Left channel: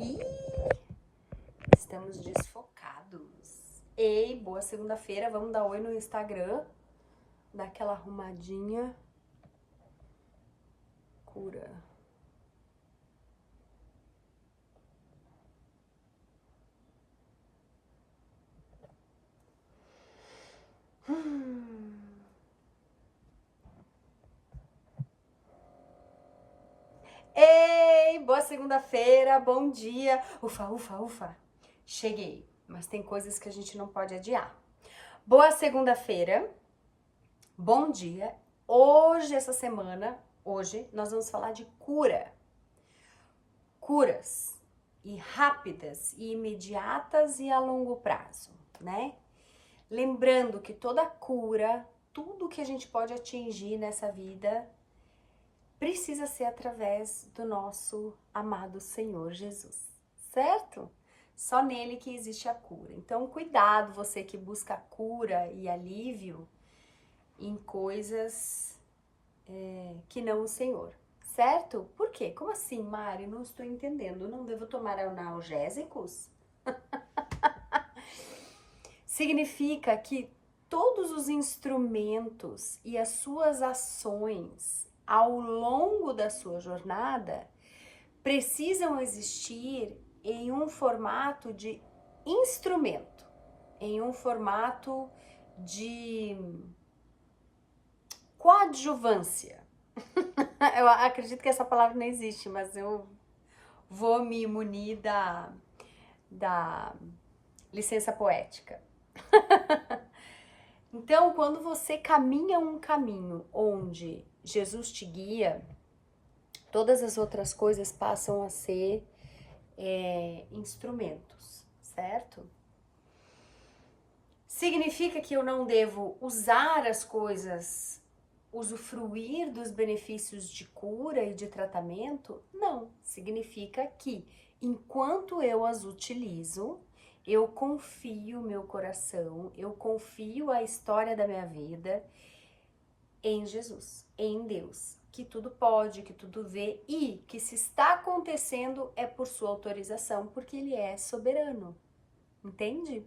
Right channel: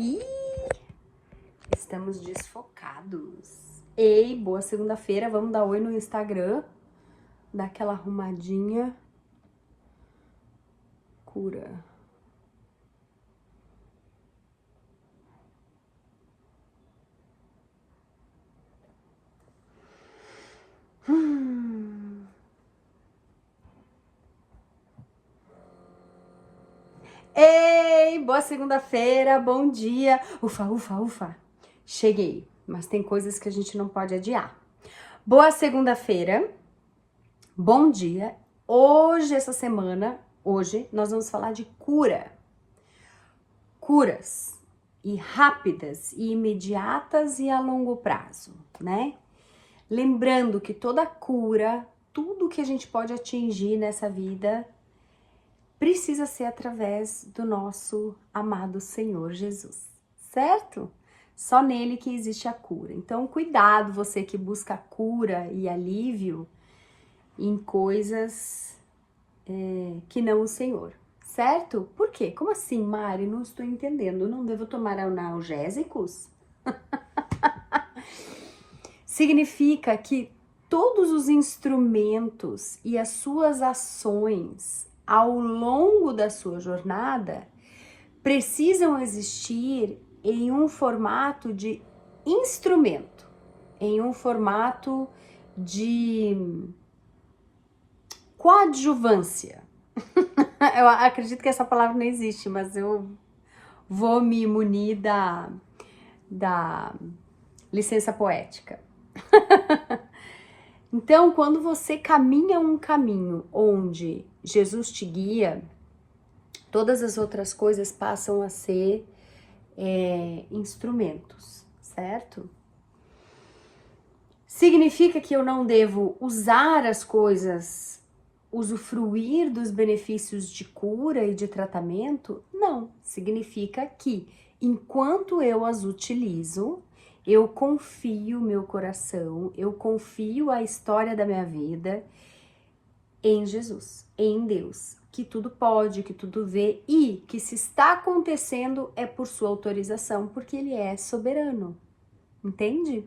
Ih, estamos desfocados. Ei, boa segunda-feira. Vamos dar oi no Instagram. Dar aquela arrumadinha. Cura. Ei, boa segunda-feira, bom dia. Ufa, ufa, ufa. Cheguei, mas tem coisas que a gente não pode adiar. Boa segunda-feira, bom dia. Hoje, essa semana, nós vamos falar de cura. Curas e rápidas e imediatas e a longo prazo, né? Lembrando que toda cura, tudo que a gente pode atingir nessa vida, precisa ser através do nosso amado Senhor Jesus, certo? Só nele que existe a cura. Então, cuidado, você que busca cura e alívio em coisas que não o Senhor, certo? Por quê? Como assim, Mari? Não estou entendendo. Não devo tomar analgésicos? Significa que todos os instrumentos e as suas ações ao longo da sua jornada precisam existir em um formato de instrumento, em um formato de coadjuvância. Eu acredito que essa palavra não existe, mas eu vou me munir da licença poética. Então, quando você caminha um caminho onde Jesus te guia, todas as outras coisas passam a ser instrumentos, certo? Significa que eu não devo usar as coisas, usufruir dos benefícios de cura e de tratamento? Não. Significa que enquanto eu as utilizo, eu confio meu coração, eu confio a história da minha vida em Jesus, em Deus, que tudo pode, que tudo vê e que se está acontecendo é por sua autorização, porque ele é soberano. Entende?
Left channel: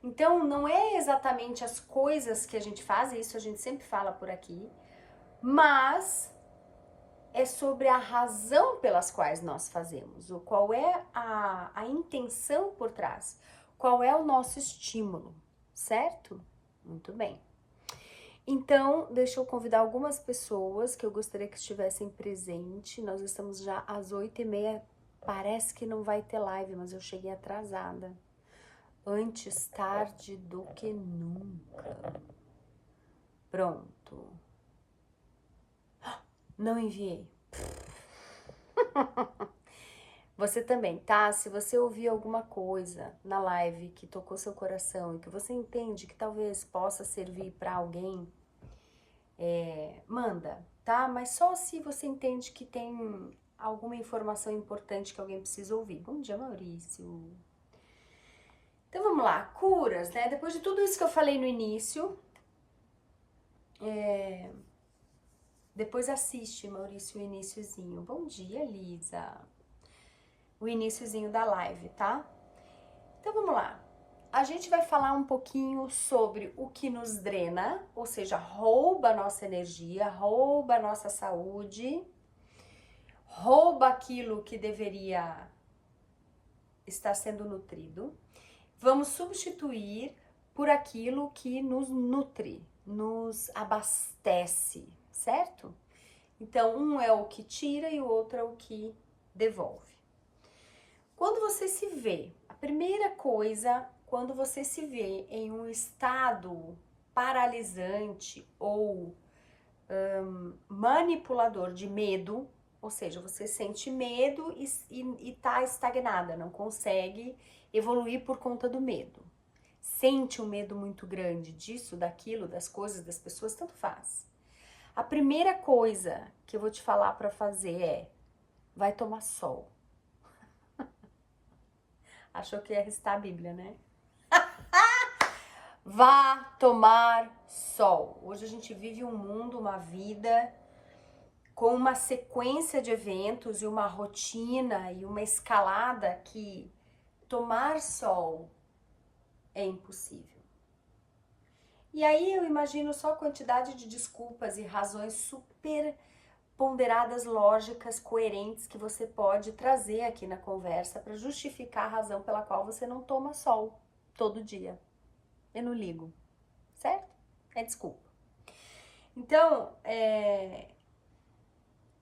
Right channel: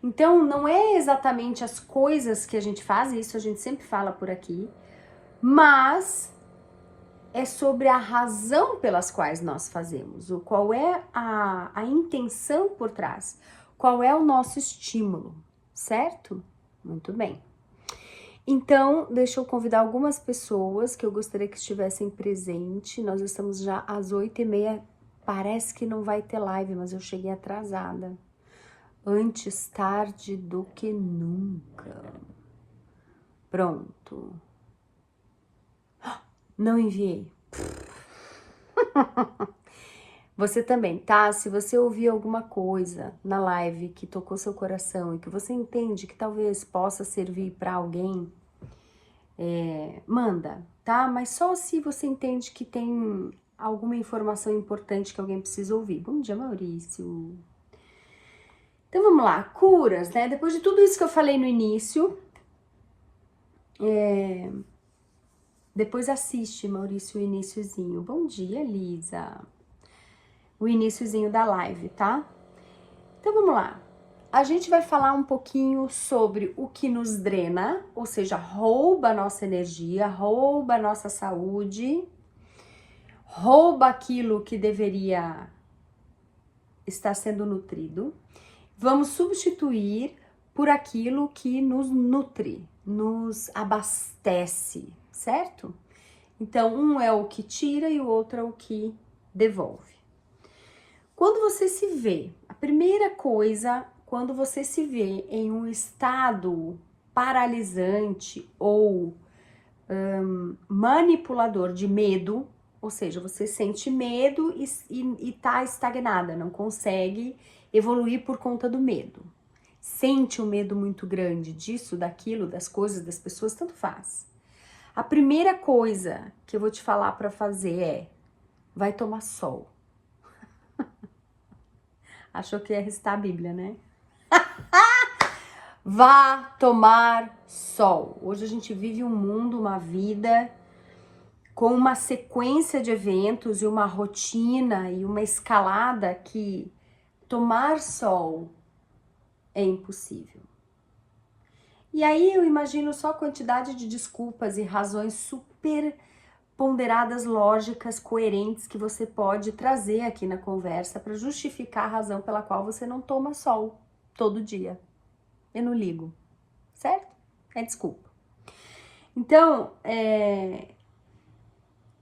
Então, não é exatamente as coisas que a gente faz, isso a gente sempre fala por aqui, mas é sobre a razão pelas quais nós fazemos, qual é a intenção por trás, qual é o nosso estímulo, certo? Muito bem. Então, deixa eu convidar algumas pessoas que eu gostaria que estivessem presentes. Nós estamos já às 8h30, parece que não vai ter live, mas eu cheguei atrasada. Antes tarde do que nunca. Pronto. Não enviei. Você também, tá? Se você ouvir alguma coisa na live que tocou seu coração e que você entende que talvez possa servir para alguém, manda, tá? Mas só se você entende que tem alguma informação importante que alguém precisa ouvir. Bom dia, Maurício. Então vamos lá, curas, né? Depois de tudo isso que eu falei no início, depois assiste, Maurício, o iniciozinho. Bom dia, Lisa. O iniciozinho da live, tá? Então vamos lá. A gente vai falar um pouquinho sobre o que nos drena, ou seja, rouba a nossa energia, rouba a nossa saúde, rouba aquilo que deveria estar sendo nutrido. Vamos substituir por aquilo que nos nutre, nos abastece, certo? Então, um é o que tira e o outro é o que devolve. Quando você se vê, a primeira coisa, quando você se vê em um estado paralisante ou manipulador de medo, ou seja, você sente medo e tá estagnada, não consegue evoluir por conta do medo. Sente um medo muito grande disso, daquilo, das coisas, das pessoas, tanto faz. A primeira coisa que eu vou te falar para fazer é, vai tomar sol. Achou que ia recitar a Bíblia, né? Vá tomar sol. Hoje a gente vive um mundo, uma vida com uma sequência de eventos e uma rotina e uma escalada que tomar sol é impossível. E aí eu imagino só a quantidade de desculpas e razões super ponderadas, lógicas, coerentes que você pode trazer aqui na conversa para justificar a razão pela qual você não toma sol todo dia. Eu não ligo, certo? É desculpa. Então,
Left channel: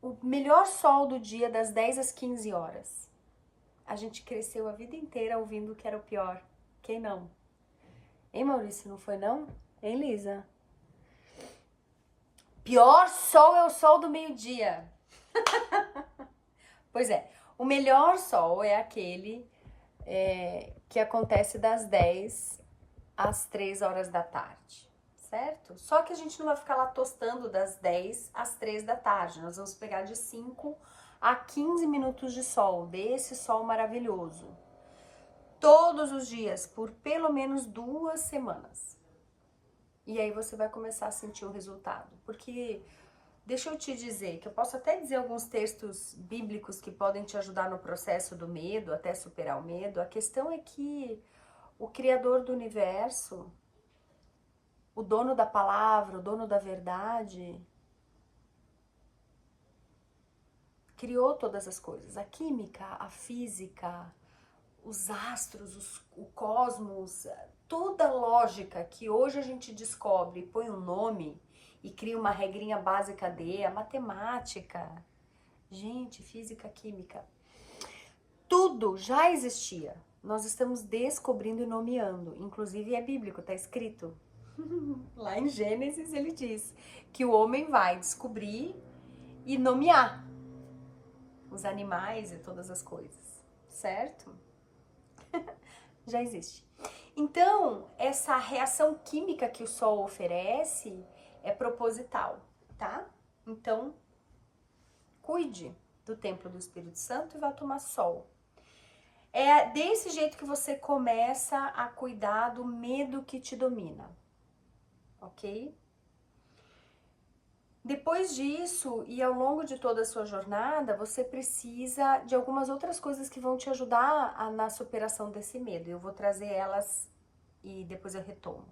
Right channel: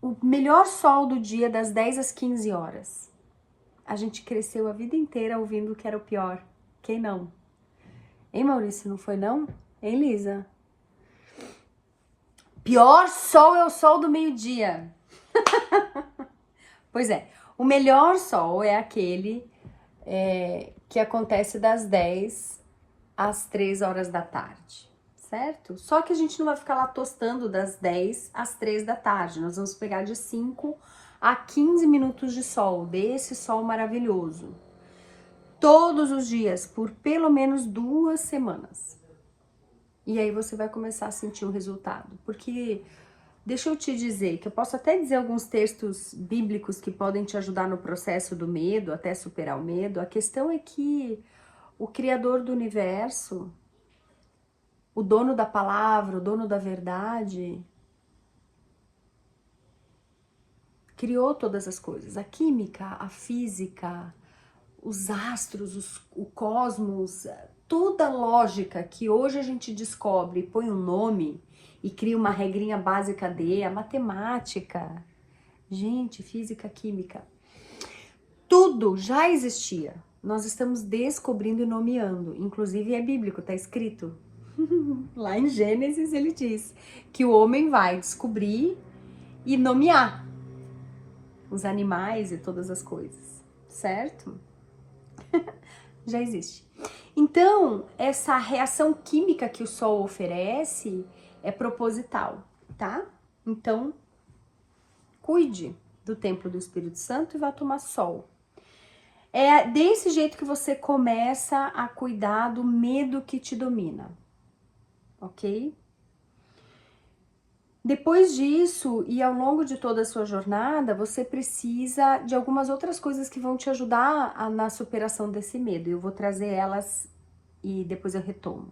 o melhor sol do dia das 10 às 15 horas. A gente cresceu a vida inteira ouvindo que era o pior. Quem não? Hein, Maurício, não foi não? Hein, Lisa? Pior sol é o sol do meio-dia. Pois é, o melhor sol é aquele que acontece das 10 às 3 horas da tarde, certo? Só que a gente não vai ficar lá tostando das 10 às 3 da tarde. Nós vamos pegar de 5 a 15 minutos de sol, desse sol maravilhoso. Todos os dias, por pelo menos 2 semanas. E aí você vai começar a sentir o resultado. Porque, deixa eu te dizer, que eu posso até dizer alguns textos bíblicos que podem te ajudar no processo do medo, até superar o medo. A questão é que o Criador do universo, o dono da palavra, o dono da verdade, criou todas as coisas. A química, a física, os astros, o cosmos, toda a lógica que hoje a gente descobre, põe um nome e cria uma regrinha básica a matemática, gente, física, química, tudo já existia. Nós estamos descobrindo e nomeando, inclusive é bíblico, tá escrito. Lá em Gênesis ele diz que o homem vai descobrir e nomear os animais e todas as coisas, certo? Já existe. Então, essa reação química que o sol oferece é proposital, tá? Então, cuide do templo do Espírito Santo e vá tomar sol. É desse jeito que você começa a cuidar do medo que te domina, ok? Depois disso, e ao longo de toda a sua jornada, você precisa de algumas outras coisas que vão te ajudar na superação desse medo. Eu vou trazer elas e depois eu retomo.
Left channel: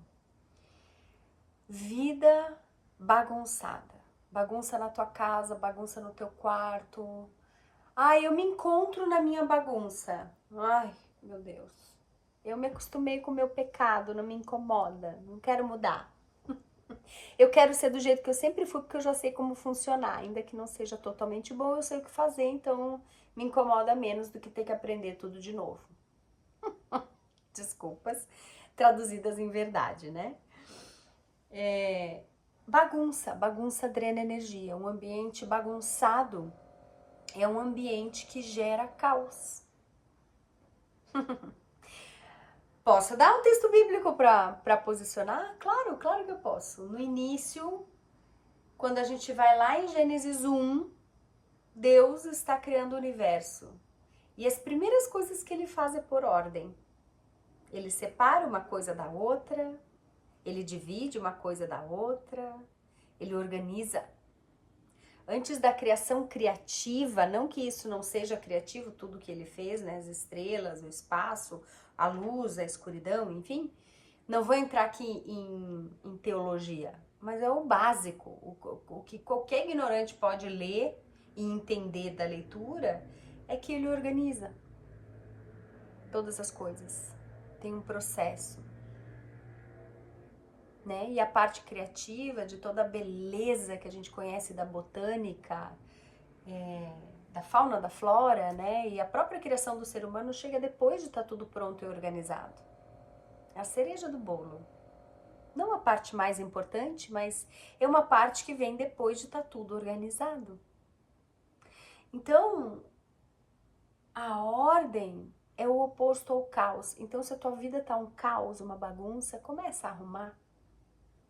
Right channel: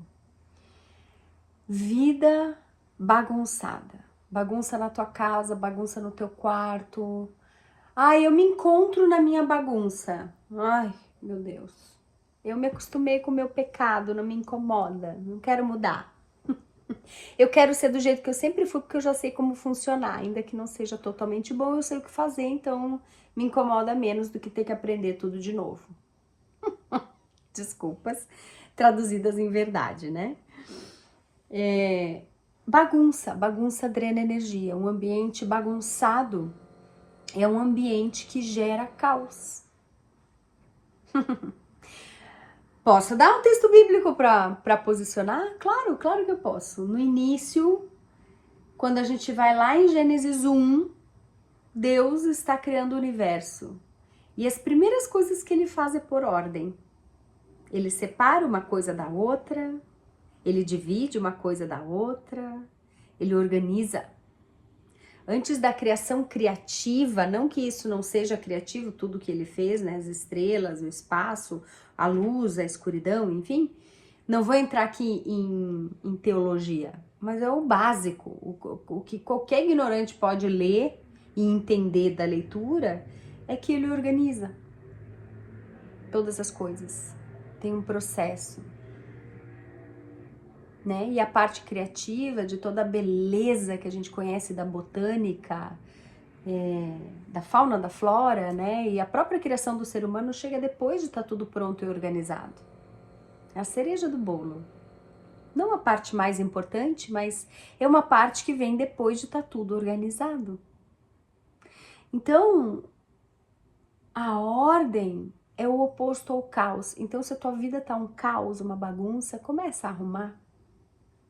Vida bagunçada. Bagunça na tua casa, bagunça no teu quarto. Ai, eu me encontro na minha bagunça. Ai, meu Deus. Eu me acostumei com o meu pecado, não me incomoda, não quero mudar. Eu quero ser do jeito que eu sempre fui, porque eu já sei como funcionar. Ainda que não seja totalmente bom, eu sei o que fazer, então me incomoda menos do que ter que aprender tudo de novo. Desculpas, traduzidas em verdade, né? Bagunça drena energia. Um ambiente bagunçado é um ambiente que gera caos. Posso dar um texto bíblico para posicionar? Claro, claro que eu posso. No início, quando a gente vai lá em Gênesis 1, Deus está criando o universo. E as primeiras coisas que ele faz é por ordem. Ele separa uma coisa da outra, ele divide uma coisa da outra, ele organiza. Antes da criação criativa, não que isso não seja criativo, tudo que ele fez, né? As estrelas, o espaço, a luz, a escuridão, enfim. Não vou entrar aqui em teologia, mas é o básico. O que qualquer ignorante pode ler e entender da leitura é que ele organiza todas as coisas. Tem um processo. Né? E a parte criativa de toda a beleza que a gente conhece da botânica, da fauna, da flora, né? E a própria criação do ser humano chega depois de estar tudo pronto e organizado. É a cereja do bolo. Não a parte mais importante, mas é uma parte que vem depois de estar tudo organizado. Então, a ordem é o oposto ao caos. Então, se a tua vida tá um caos, uma bagunça, começa a arrumar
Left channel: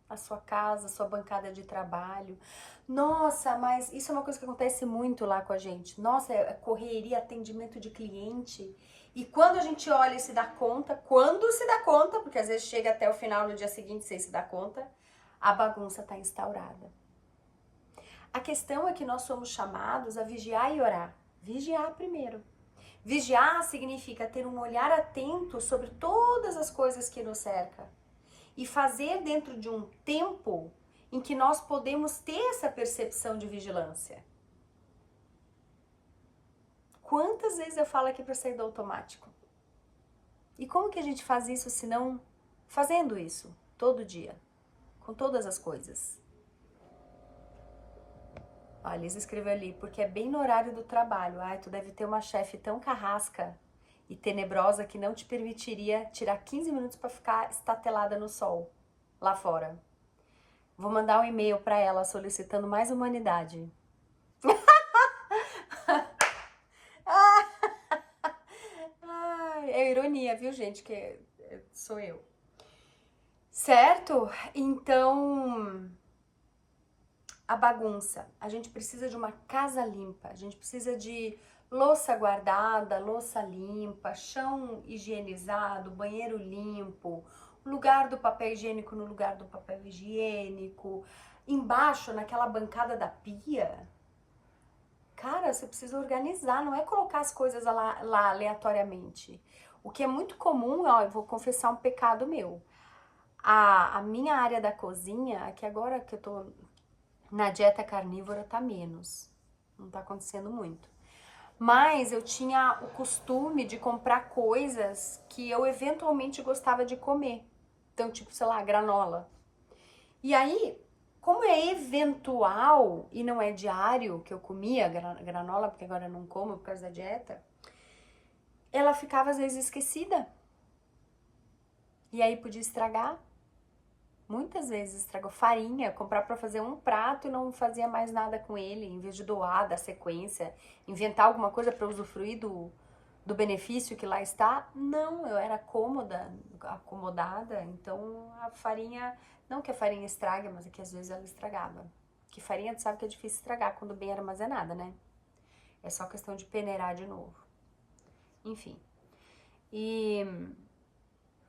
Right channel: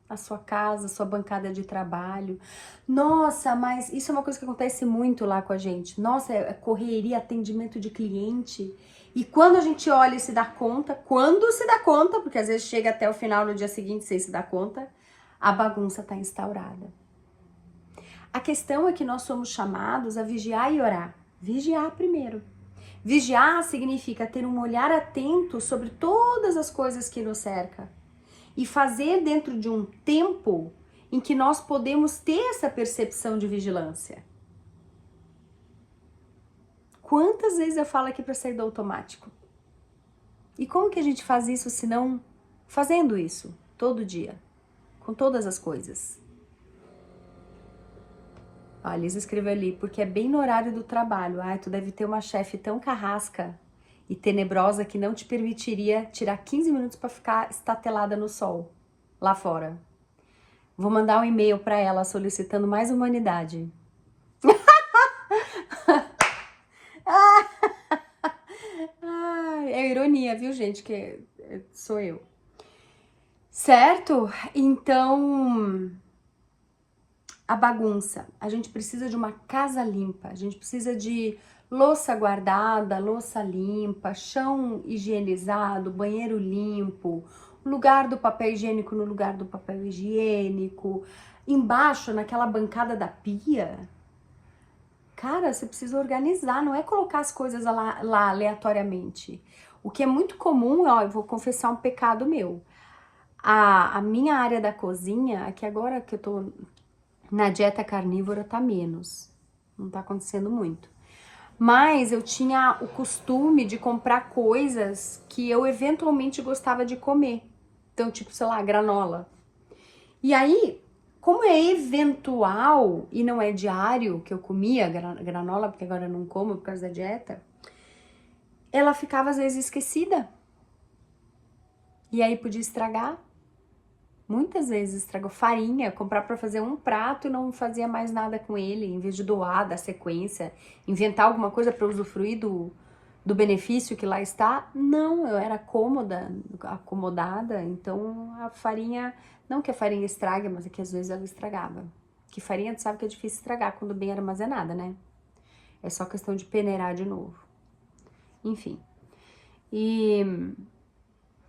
a sua casa, a sua bancada de trabalho. Nossa, mas isso é uma coisa que acontece muito lá com a gente. Nossa, é correria, atendimento de cliente. E quando a gente olha e se dá conta, porque às vezes chega até o final no dia seguinte sem se dar conta, a bagunça tá instaurada. A questão é que nós somos chamados a vigiar e orar. Vigiar primeiro. Vigiar significa ter um olhar atento sobre todas as coisas que nos cercam e fazer dentro de um tempo em que nós podemos ter essa percepção de vigilância. Quantas vezes eu falo aqui para sair do automático? E como que a gente faz isso se não fazendo isso todo dia, com todas as coisas? A Liz escreveu ali, porque é bem no horário do trabalho. Ai, tu deve ter uma chefe tão carrasca e tenebrosa que não te permitiria tirar 15 minutos para ficar estatelada no sol, lá fora. Vou mandar um e-mail para ela solicitando mais humanidade. É ironia, viu, gente? Que sou eu. Certo? Então, a bagunça. A gente precisa de uma casa limpa. A gente precisa de louça guardada, louça limpa, chão higienizado, banheiro limpo, lugar do papel higiênico no lugar do papel higiênico, embaixo, naquela bancada da pia. Cara, você precisa organizar, não é colocar as coisas lá aleatoriamente. O que é muito comum, ó, eu vou confessar um pecado meu. A minha área da cozinha, aqui agora que eu tô na dieta carnívora, tá menos. Não tá acontecendo muito. Mas eu tinha o costume de comprar coisas que eu eventualmente gostava de comer. Então, tipo, sei lá, granola. E aí, como é eventual e não é diário que eu comia granola, porque agora eu não como por causa da dieta, ela ficava às vezes esquecida. E aí podia estragar. Muitas vezes estragou farinha, comprar para fazer um prato e não fazia mais nada com ele, em vez de doar, dar sequência, inventar alguma coisa para usufruir do benefício que lá está. Não, eu era acomodada, então a farinha, não que a farinha estrague, mas é que às vezes ela estragava. Que farinha, tu sabe que é difícil estragar quando bem armazenada, né? É só questão de peneirar de novo. Enfim.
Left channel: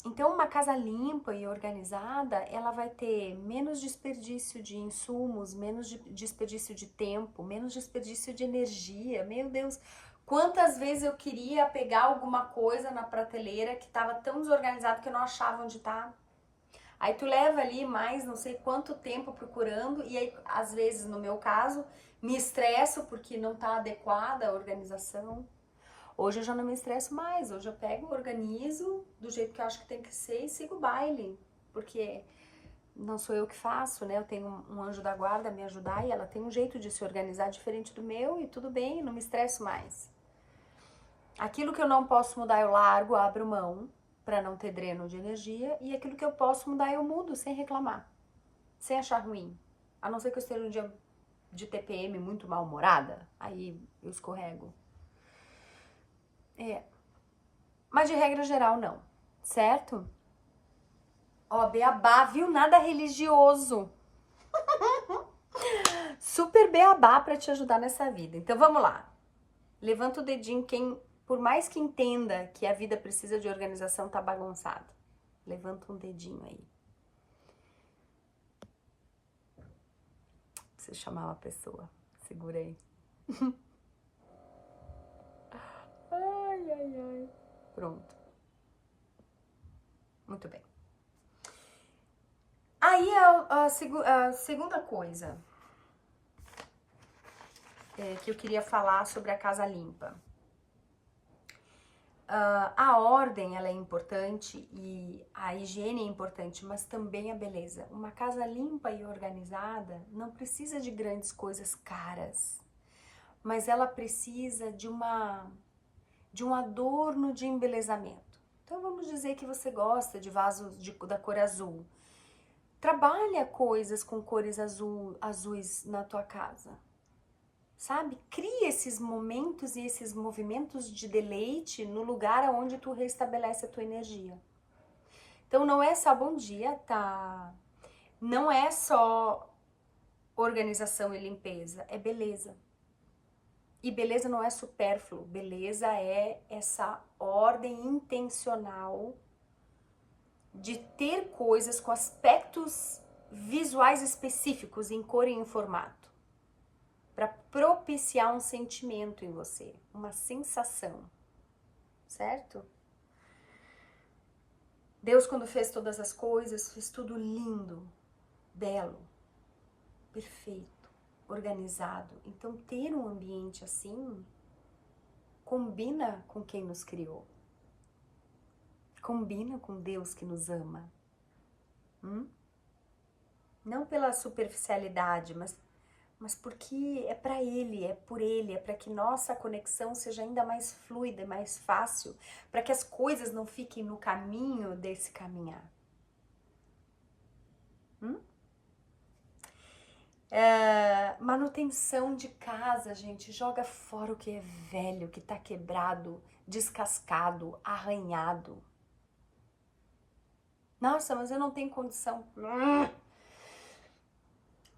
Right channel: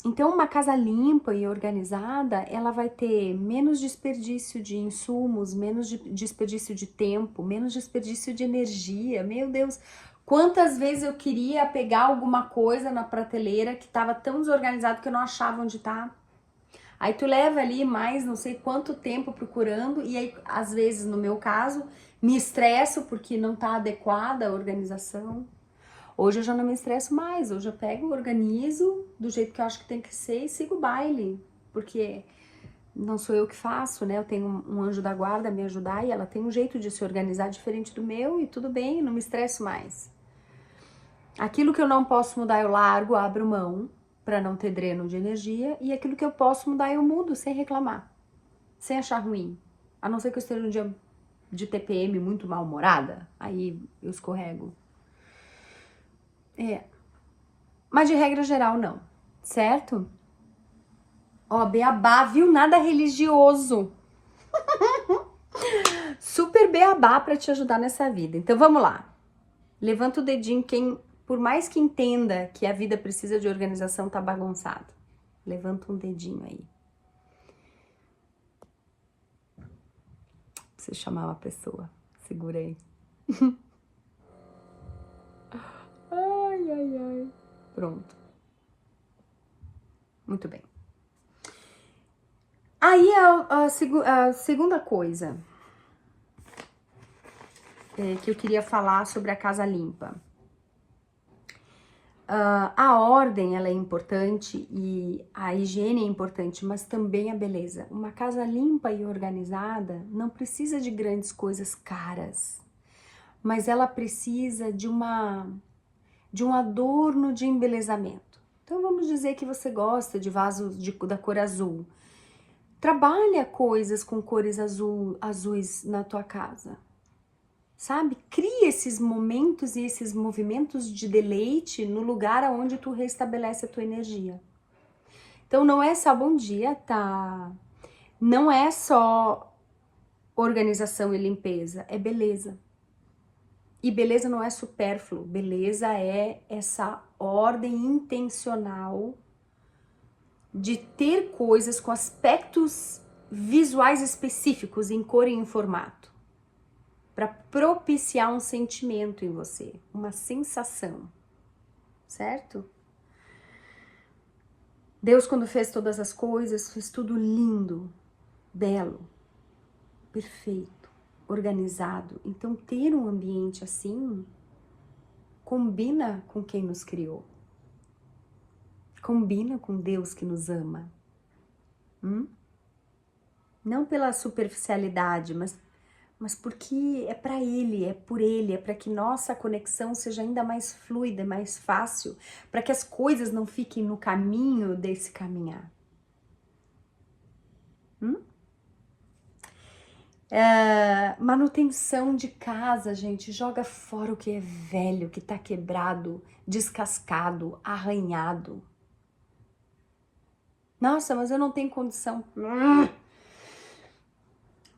Então, uma casa limpa e organizada, ela vai ter menos desperdício de insumos, menos desperdício de tempo, menos desperdício de energia. Meu Deus, quantas vezes eu queria pegar alguma coisa na prateleira que estava tão desorganizado que eu não achava onde tá. Aí tu leva ali mais não sei quanto tempo procurando e aí, às vezes, no meu caso, me estresso porque não tá adequada a organização. Hoje eu já não me estresso mais, hoje eu pego, organizo do jeito que eu acho que tem que ser e sigo o baile, porque não sou eu que faço, né? Eu tenho um anjo da guarda a me ajudar e ela tem um jeito de se organizar diferente do meu e tudo bem, não me estresso mais. Aquilo que eu não posso mudar eu largo, abro mão para não ter dreno de energia e aquilo que eu posso mudar eu mudo sem reclamar, sem achar ruim. A não ser que eu esteja um dia de TPM muito mal-humorada, aí eu escorrego. Mas de regra geral, não. Certo? Ó, beabá, viu? Nada religioso. Super beabá pra te ajudar nessa vida. Então, vamos lá. Levanta o dedinho quem, por mais que entenda que a vida precisa de organização, tá bagunçado. Levanta um dedinho aí. Preciso chamar uma pessoa. Segura aí. Ai, ai, ai. Pronto. Muito bem. Aí a segunda coisa que eu queria falar sobre a casa limpa. A ordem ela é importante e a higiene é importante, mas também a beleza. Uma casa limpa e organizada não precisa de grandes coisas caras, mas ela precisa de um adorno de embelezamento. Então vamos dizer que você gosta de vasos da cor azul. Trabalha coisas com cores azuis na tua casa. Sabe? Cria esses momentos e esses movimentos de deleite no lugar onde tu restabelece a tua energia. Então não é só bom dia, tá? Não é só organização e limpeza, é beleza. E beleza não é supérfluo, beleza é essa ordem intencional de ter coisas com aspectos visuais específicos em cor e em formato. para propiciar um sentimento em você, uma sensação, certo? Deus, quando fez todas as coisas, fez tudo lindo, belo, perfeito, organizado. Então, ter um ambiente assim combina com quem nos criou. Combina com Deus que nos ama. Não pela superficialidade, mas porque é para Ele, é por Ele, é para que nossa conexão seja ainda mais fluida, mais fácil, para que as coisas não fiquem no caminho desse caminhar. Manutenção de casa, gente, joga fora o que é velho, que tá quebrado, descascado, arranhado. Nossa, mas eu não tenho condição.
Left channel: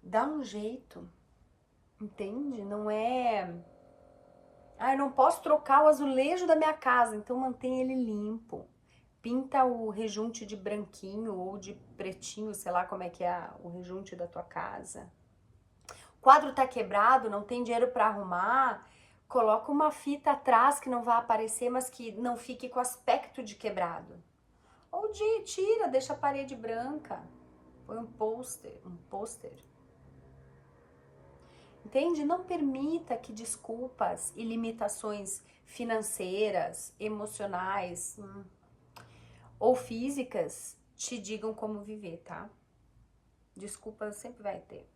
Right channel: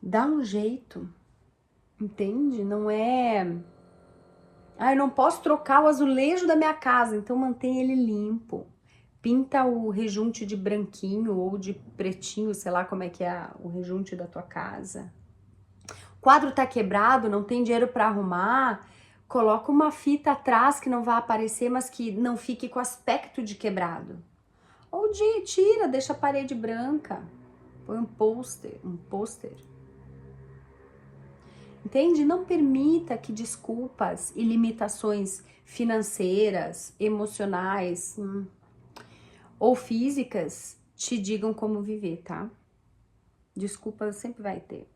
Dá um jeito, entende? Não é... Ah, eu não posso trocar o azulejo da minha casa, então mantém ele limpo. Pinta o rejunte de branquinho ou de pretinho, sei lá como é que é o rejunte da tua casa. O quadro tá quebrado, não tem dinheiro para arrumar, coloca uma fita atrás que não vai aparecer, mas que não fique com aspecto de quebrado. Ou tira, deixa a parede branca. Põe um pôster. Entende? Não permita que desculpas e limitações financeiras, emocionais ou físicas te digam como viver, tá? Desculpas sempre vai ter.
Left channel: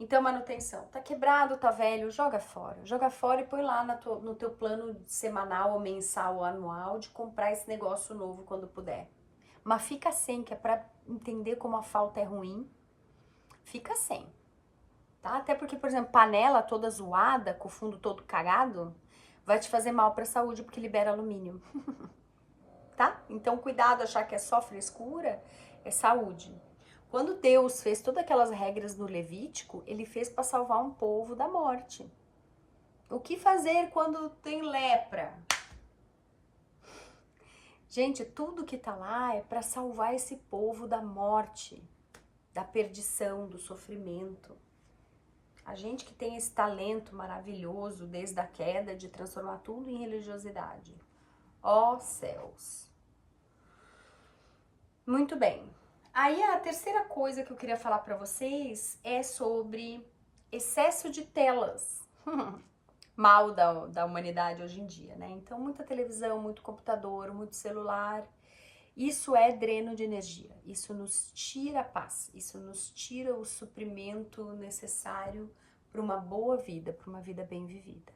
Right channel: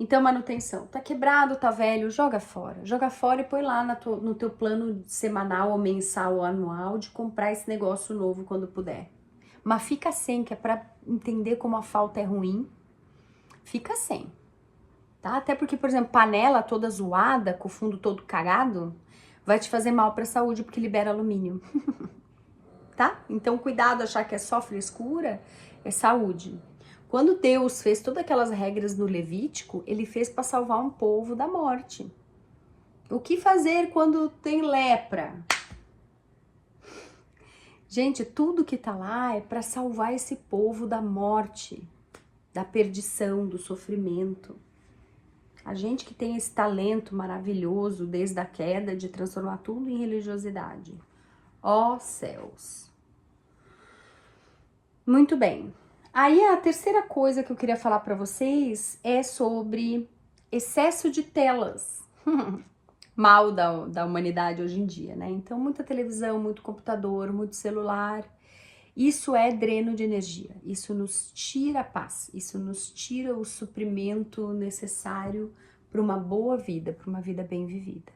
Então, manutenção. Tá quebrado, tá velho, joga fora. Joga fora e põe lá no teu plano semanal ou mensal ou anual de comprar esse negócio novo quando puder. Mas fica sem, que é pra entender como a falta é ruim. Fica sem. Tá? Até porque, por exemplo, panela toda zoada, com o fundo todo cagado, vai te fazer mal pra saúde porque libera alumínio. Tá? Então, cuidado, achar que é só frescura, é saúde. Quando Deus fez todas aquelas regras no Levítico, ele fez para salvar um povo da morte. O que fazer quando tem lepra? Gente, tudo que tá lá é para salvar esse povo da morte, da perdição, do sofrimento. A gente que tem esse talento maravilhoso desde a queda de transformar tudo em religiosidade. Ó céus! Muito bem. Aí a terceira coisa que eu queria falar para vocês é sobre excesso de telas. Mal da humanidade hoje em dia, né? Então, muita televisão, muito computador, muito celular. Isso é dreno de energia. Isso nos tira a paz. Isso nos tira o suprimento necessário para uma boa vida, para uma vida bem vivida.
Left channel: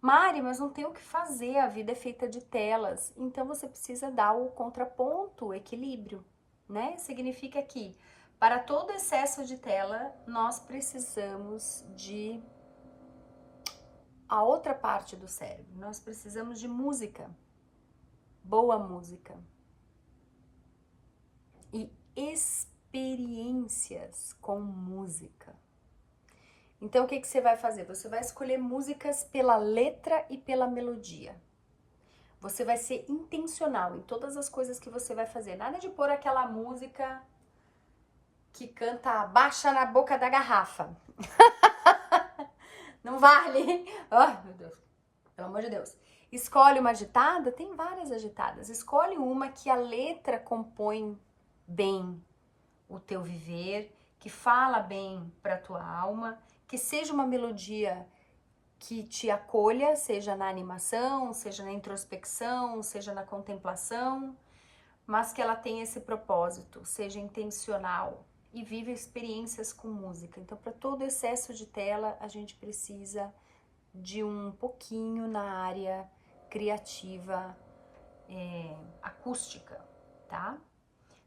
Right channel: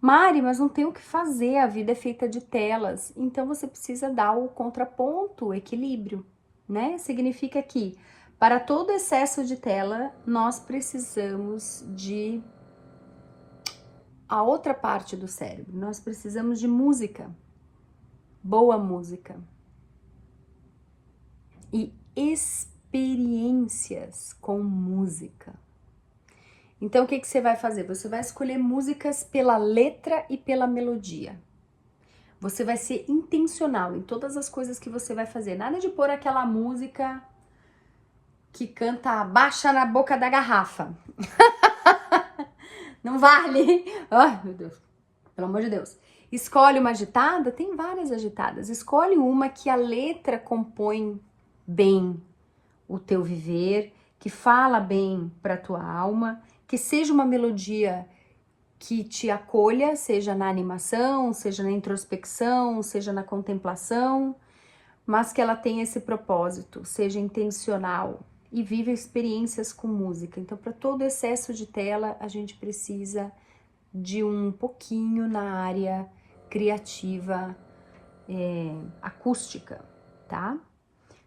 Mari, mas não tem o que fazer, a vida é feita de telas. Então você precisa dar o contraponto, o equilíbrio, né? Significa que para todo excesso de tela, nós precisamos de a outra parte do cérebro. Nós precisamos de música, boa música. E experiências com música. Então, o que você vai fazer? Você vai escolher músicas pela letra e pela melodia. Você vai ser intencional em todas as coisas que você vai fazer. Nada de pôr aquela música que canta baixa na boca da garrafa. Não vale. Ai, meu Deus. Pelo amor de Deus. Escolhe uma agitada, tem várias agitadas. Escolhe uma que a letra compõe bem o teu viver, que fala bem para tua alma, que seja uma melodia que te acolha, seja na animação, seja na introspecção, seja na contemplação, mas que ela tenha esse propósito, seja intencional e viva experiências com música. Então, para todo excesso de tela, a gente precisa de um pouquinho na área criativa, acústica, tá?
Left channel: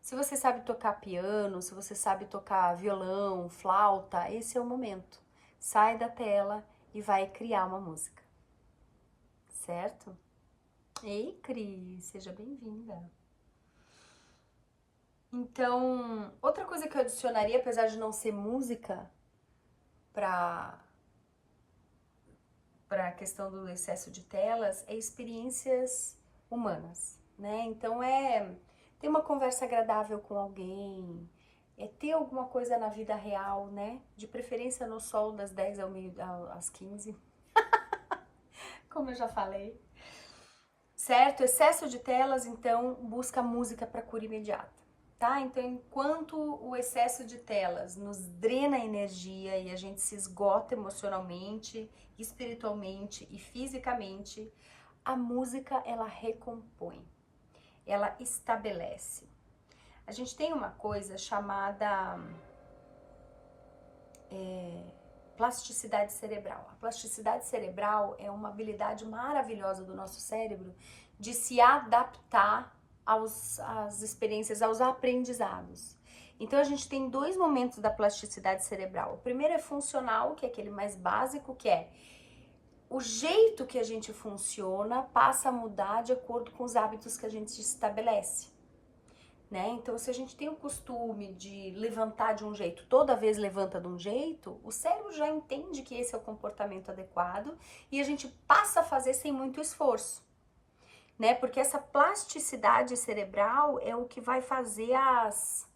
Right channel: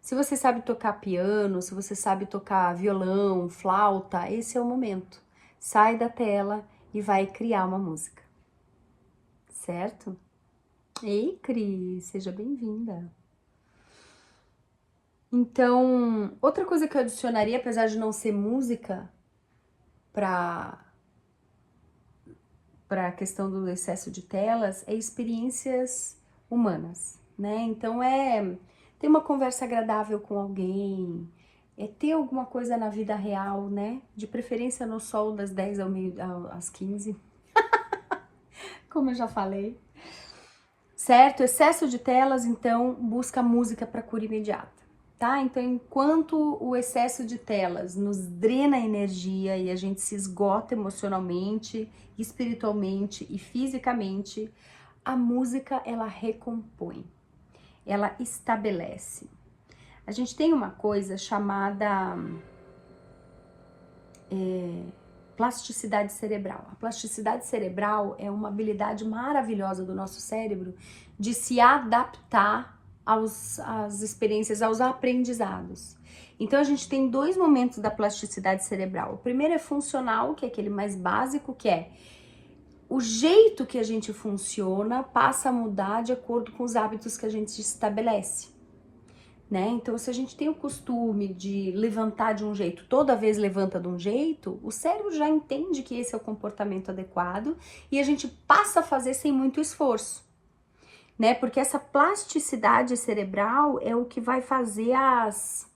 Se você sabe tocar piano, se você sabe tocar violão, flauta, esse é o momento. Sai da tela e vai criar uma música, certo? Ei, Cris, seja bem-vinda. Então, outra coisa que eu adicionaria, apesar de não ser música, para a questão do excesso de telas, é experiências humanas, né? Então, ter uma conversa agradável com alguém, é ter alguma coisa na vida real, né? De preferência no sol das 10 às 15, como eu já falei. Certo? Excesso de telas, então, busca música para cura imediata, tá? Então, enquanto o excesso de telas nos drena energia e a gente se esgota emocionalmente, espiritualmente e fisicamente, a música, ela recompõe, ela estabelece. A gente tem uma coisa chamada plasticidade cerebral. A plasticidade cerebral é uma habilidade maravilhosa do nosso cérebro de se adaptar às experiências, aos aprendizados. Então a gente tem dois momentos da plasticidade cerebral. O primeiro é funcional, que é aquele mais básico, que é o jeito que a gente funciona passa a mudar de acordo com os hábitos que a gente estabelece. Né? Então, se a gente tem o costume de levantar de um jeito, toda vez levanta de um jeito, o cérebro já entende que esse é o comportamento adequado e a gente passa a fazer sem muito esforço, né? Porque essa plasticidade cerebral é o que vai fazer as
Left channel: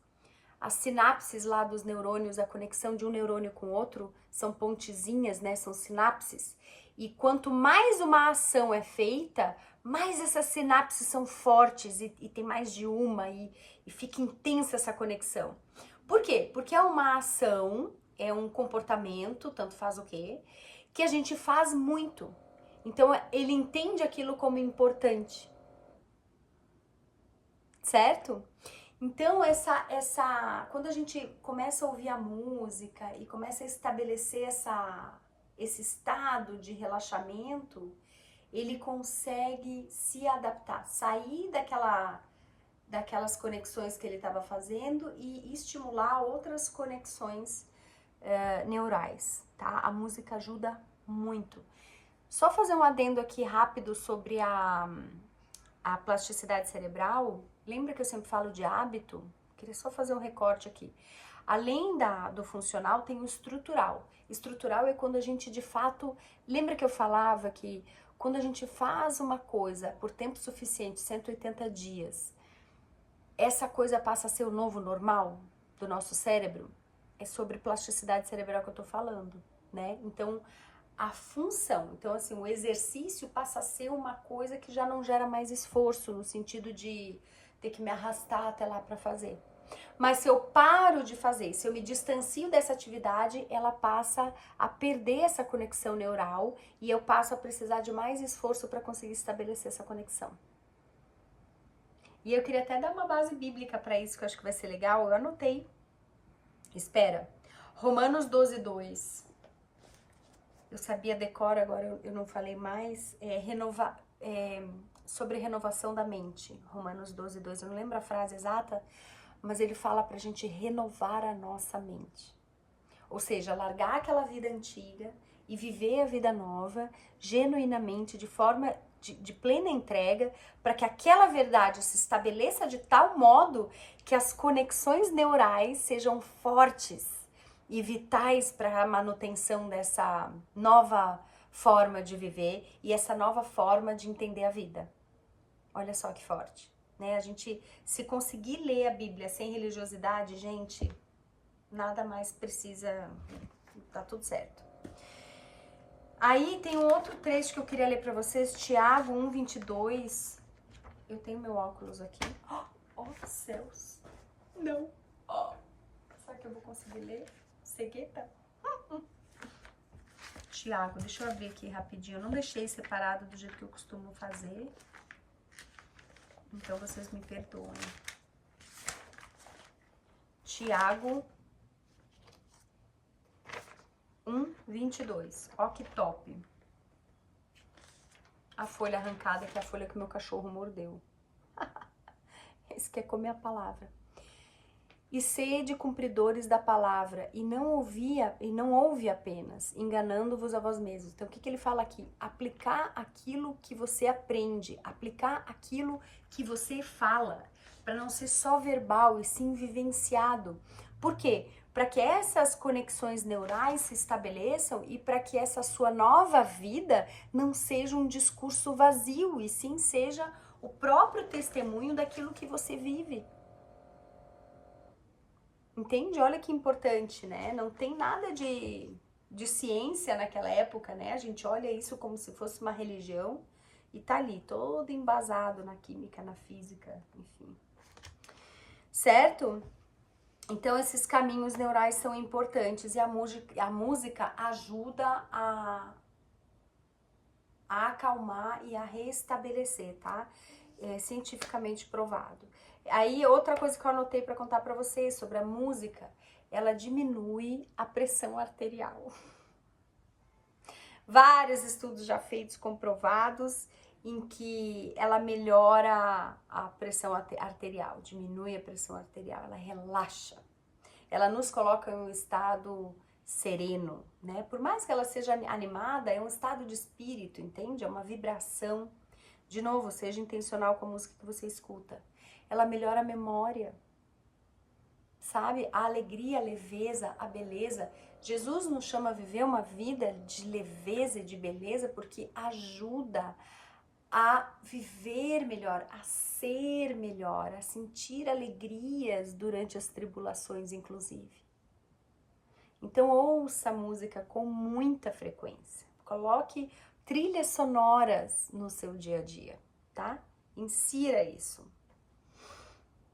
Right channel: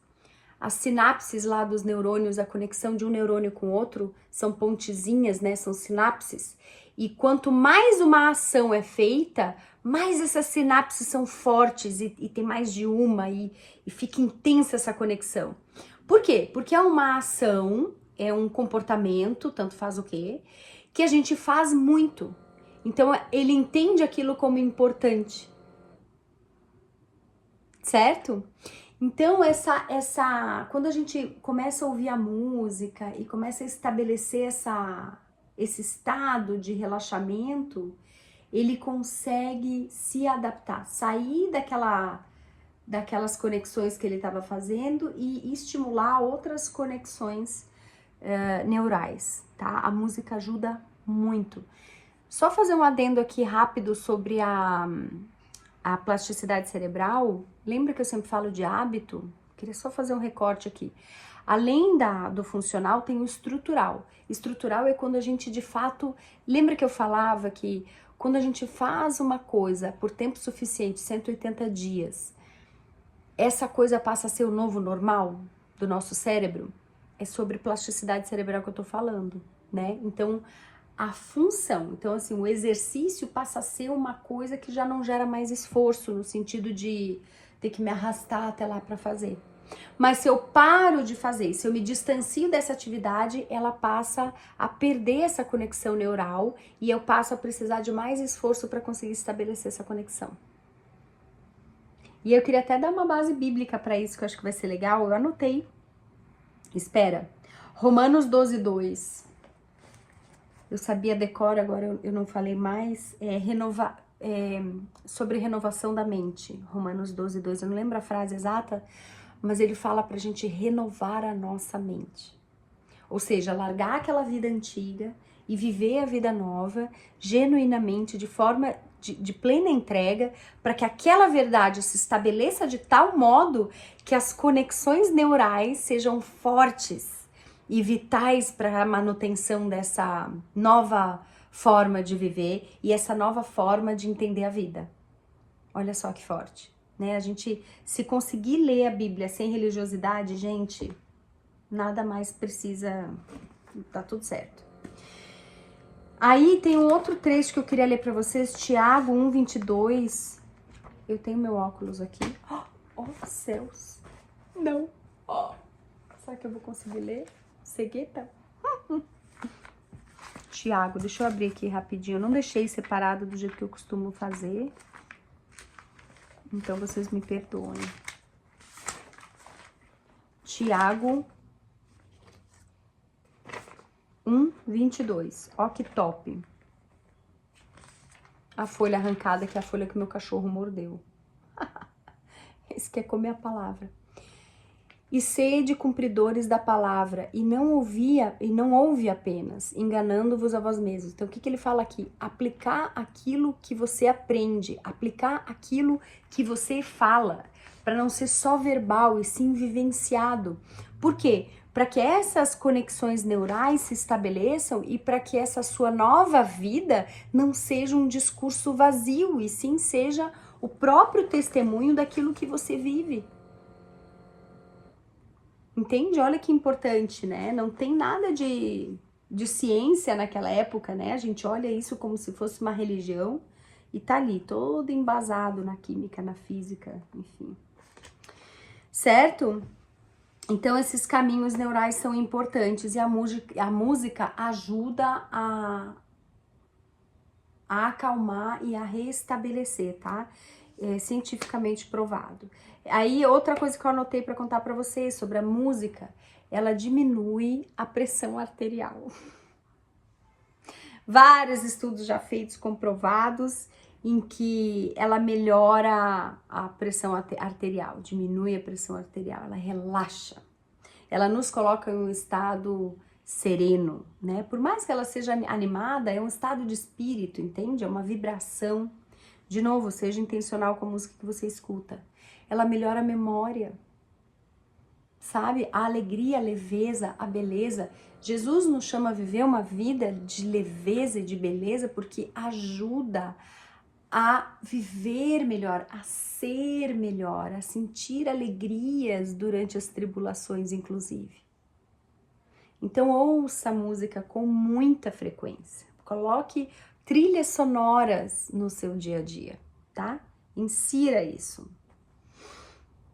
sinapses lá dos neurônios, a conexão de um neurônio com o outro, são pontezinhas, né? São sinapses. E quanto mais uma ação é feita, mais essas sinapses são fortes e tem mais de uma e fica intensa essa conexão. Por quê? Porque é uma ação, é um comportamento, tanto faz o quê, que a gente faz muito. Então ele entende aquilo como importante. Certo? Então quando a gente começa a ouvir a música e começa a estabelecer esse estado de relaxamento, ele consegue se adaptar, sair daquelas conexões que ele estava fazendo e estimular outras conexões neurais, tá? A música ajuda muito. Só fazer um adendo aqui rápido sobre a plasticidade cerebral. Lembra que eu sempre falo de hábito? Queria só fazer um recorte aqui. Além do funcional, tem o estrutural. Estrutural é quando a gente, de fato... Lembra que eu falava que quando a gente faz uma coisa por tempo suficiente, 180 dias, essa coisa passa a ser o novo normal do nosso cérebro? É sobre plasticidade cerebral que eu tô falando, né? Então, a função, então assim, o exercício passa a ser uma coisa que já não gera mais esforço, no sentido de ter que me arrastar até lá para fazer. Mas se eu paro de fazer, se eu me distancio dessa atividade, ela passa a perder essa conexão neural e eu passo a precisar de mais esforço para conseguir estabelecer essa conexão. E eu queria até dar uma base bíblica para isso, que eu acho que vai ser legal. Eu anotei. Espera. Romanos 12:2. Eu sabia decora, agora eu não falei mais. Sobre renovação da mente. Romanos 12:2. Eu não lembro a frase exata, mas ele fala pra gente renovar a nossa mente. Ou seja, largar aquela vida antiga e viver a vida nova, genuinamente, de forma de plena entrega, para que aquela verdade se estabeleça de tal modo que as conexões neurais sejam fortes e vitais para a manutenção dessa nova forma de viver e essa nova forma de entender a vida. Olha só que forte, né? A gente, se conseguir ler a Bíblia sem religiosidade, gente, nada mais precisa, tá tudo certo. Aí tem um outro trecho que eu queria ler para vocês, Tiago 1:22. Eu tenho meu óculos aqui. Oh, céus! Não! Oh. Será que eu vou conseguir ler? Cegueta? Tiago, deixa eu abrir aqui rapidinho. Eu não deixei separado do jeito que eu costumo fazer. Então, vocês me perdoem. Tiago 1:22. Ó que top. A folha arrancada, que é a folha que meu cachorro mordeu. Esse quer comer a palavra. E sede cumpridores da palavra, e não ouve apenas, enganando-vos a vós mesmos. Então, o que ele fala aqui? Aplicar aquilo que você aprende, aplicar aquilo que você fala, para não ser só verbal e sim vivenciado. Por quê? Para que essas conexões neurais se estabeleçam e para que essa sua nova vida não seja um discurso vazio, e sim seja o próprio testemunho daquilo que você vive. Entende? Olha que importante, né? Não tem nada de ciência naquela época, né? A gente olha isso como se fosse uma religião e tá ali, todo embasado na química, na física, enfim. Certo? Então, esses caminhos neurais são importantes e a música ajuda a acalmar e a restabelecer, tá? É cientificamente provado. Aí, outra coisa que eu anotei para contar para vocês sobre a música, ela diminui a pressão arterial. Vários estudos já feitos, comprovados, em que ela melhora a pressão arterial, diminui a pressão arterial, ela relaxa. Ela nos coloca em um estado sereno, né? Por mais que ela seja animada, é um estado de espírito, entende? É uma vibração. De novo, seja intencional com a música que você escuta. Ela melhora a memória, sabe? A alegria, a leveza, a beleza. Jesus nos chama a viver uma vida de leveza e de beleza porque ajuda a viver melhor, a ser melhor, a sentir alegrias durante as tribulações, inclusive. Então, ouça a música com muita frequência. Coloque trilhas sonoras no seu dia a dia, tá? Insira isso.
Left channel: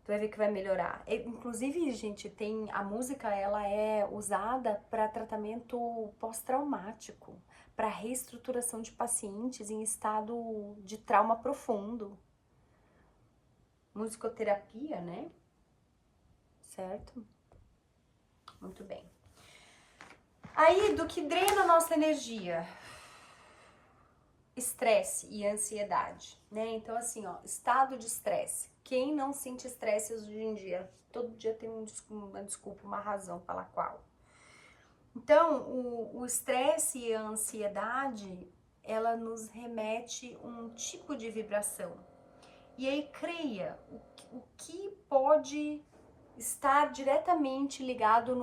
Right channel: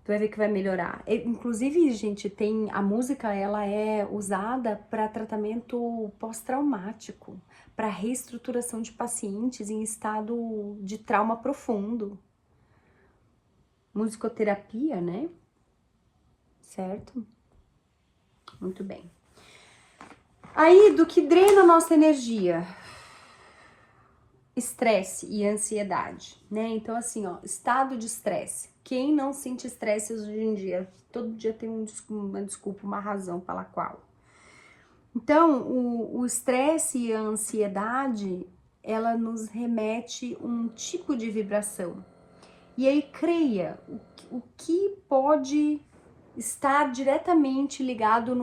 Tu vai ver que vai melhorar. Inclusive, gente, a música, ela é usada para tratamento pós-traumático, para reestruturação de pacientes em estado de trauma profundo. Musicoterapia, né? Certo? Muito bem. Aí, do que drena a nossa energia? Estresse e ansiedade, né? Então, assim, ó, estado de estresse. Quem não sente estresse hoje em dia? Todo dia tem uma desculpa, uma razão pela qual. Então, o estresse e a ansiedade, ela nos remete um tipo de vibração. E aí, creia, o que pode estar diretamente ligado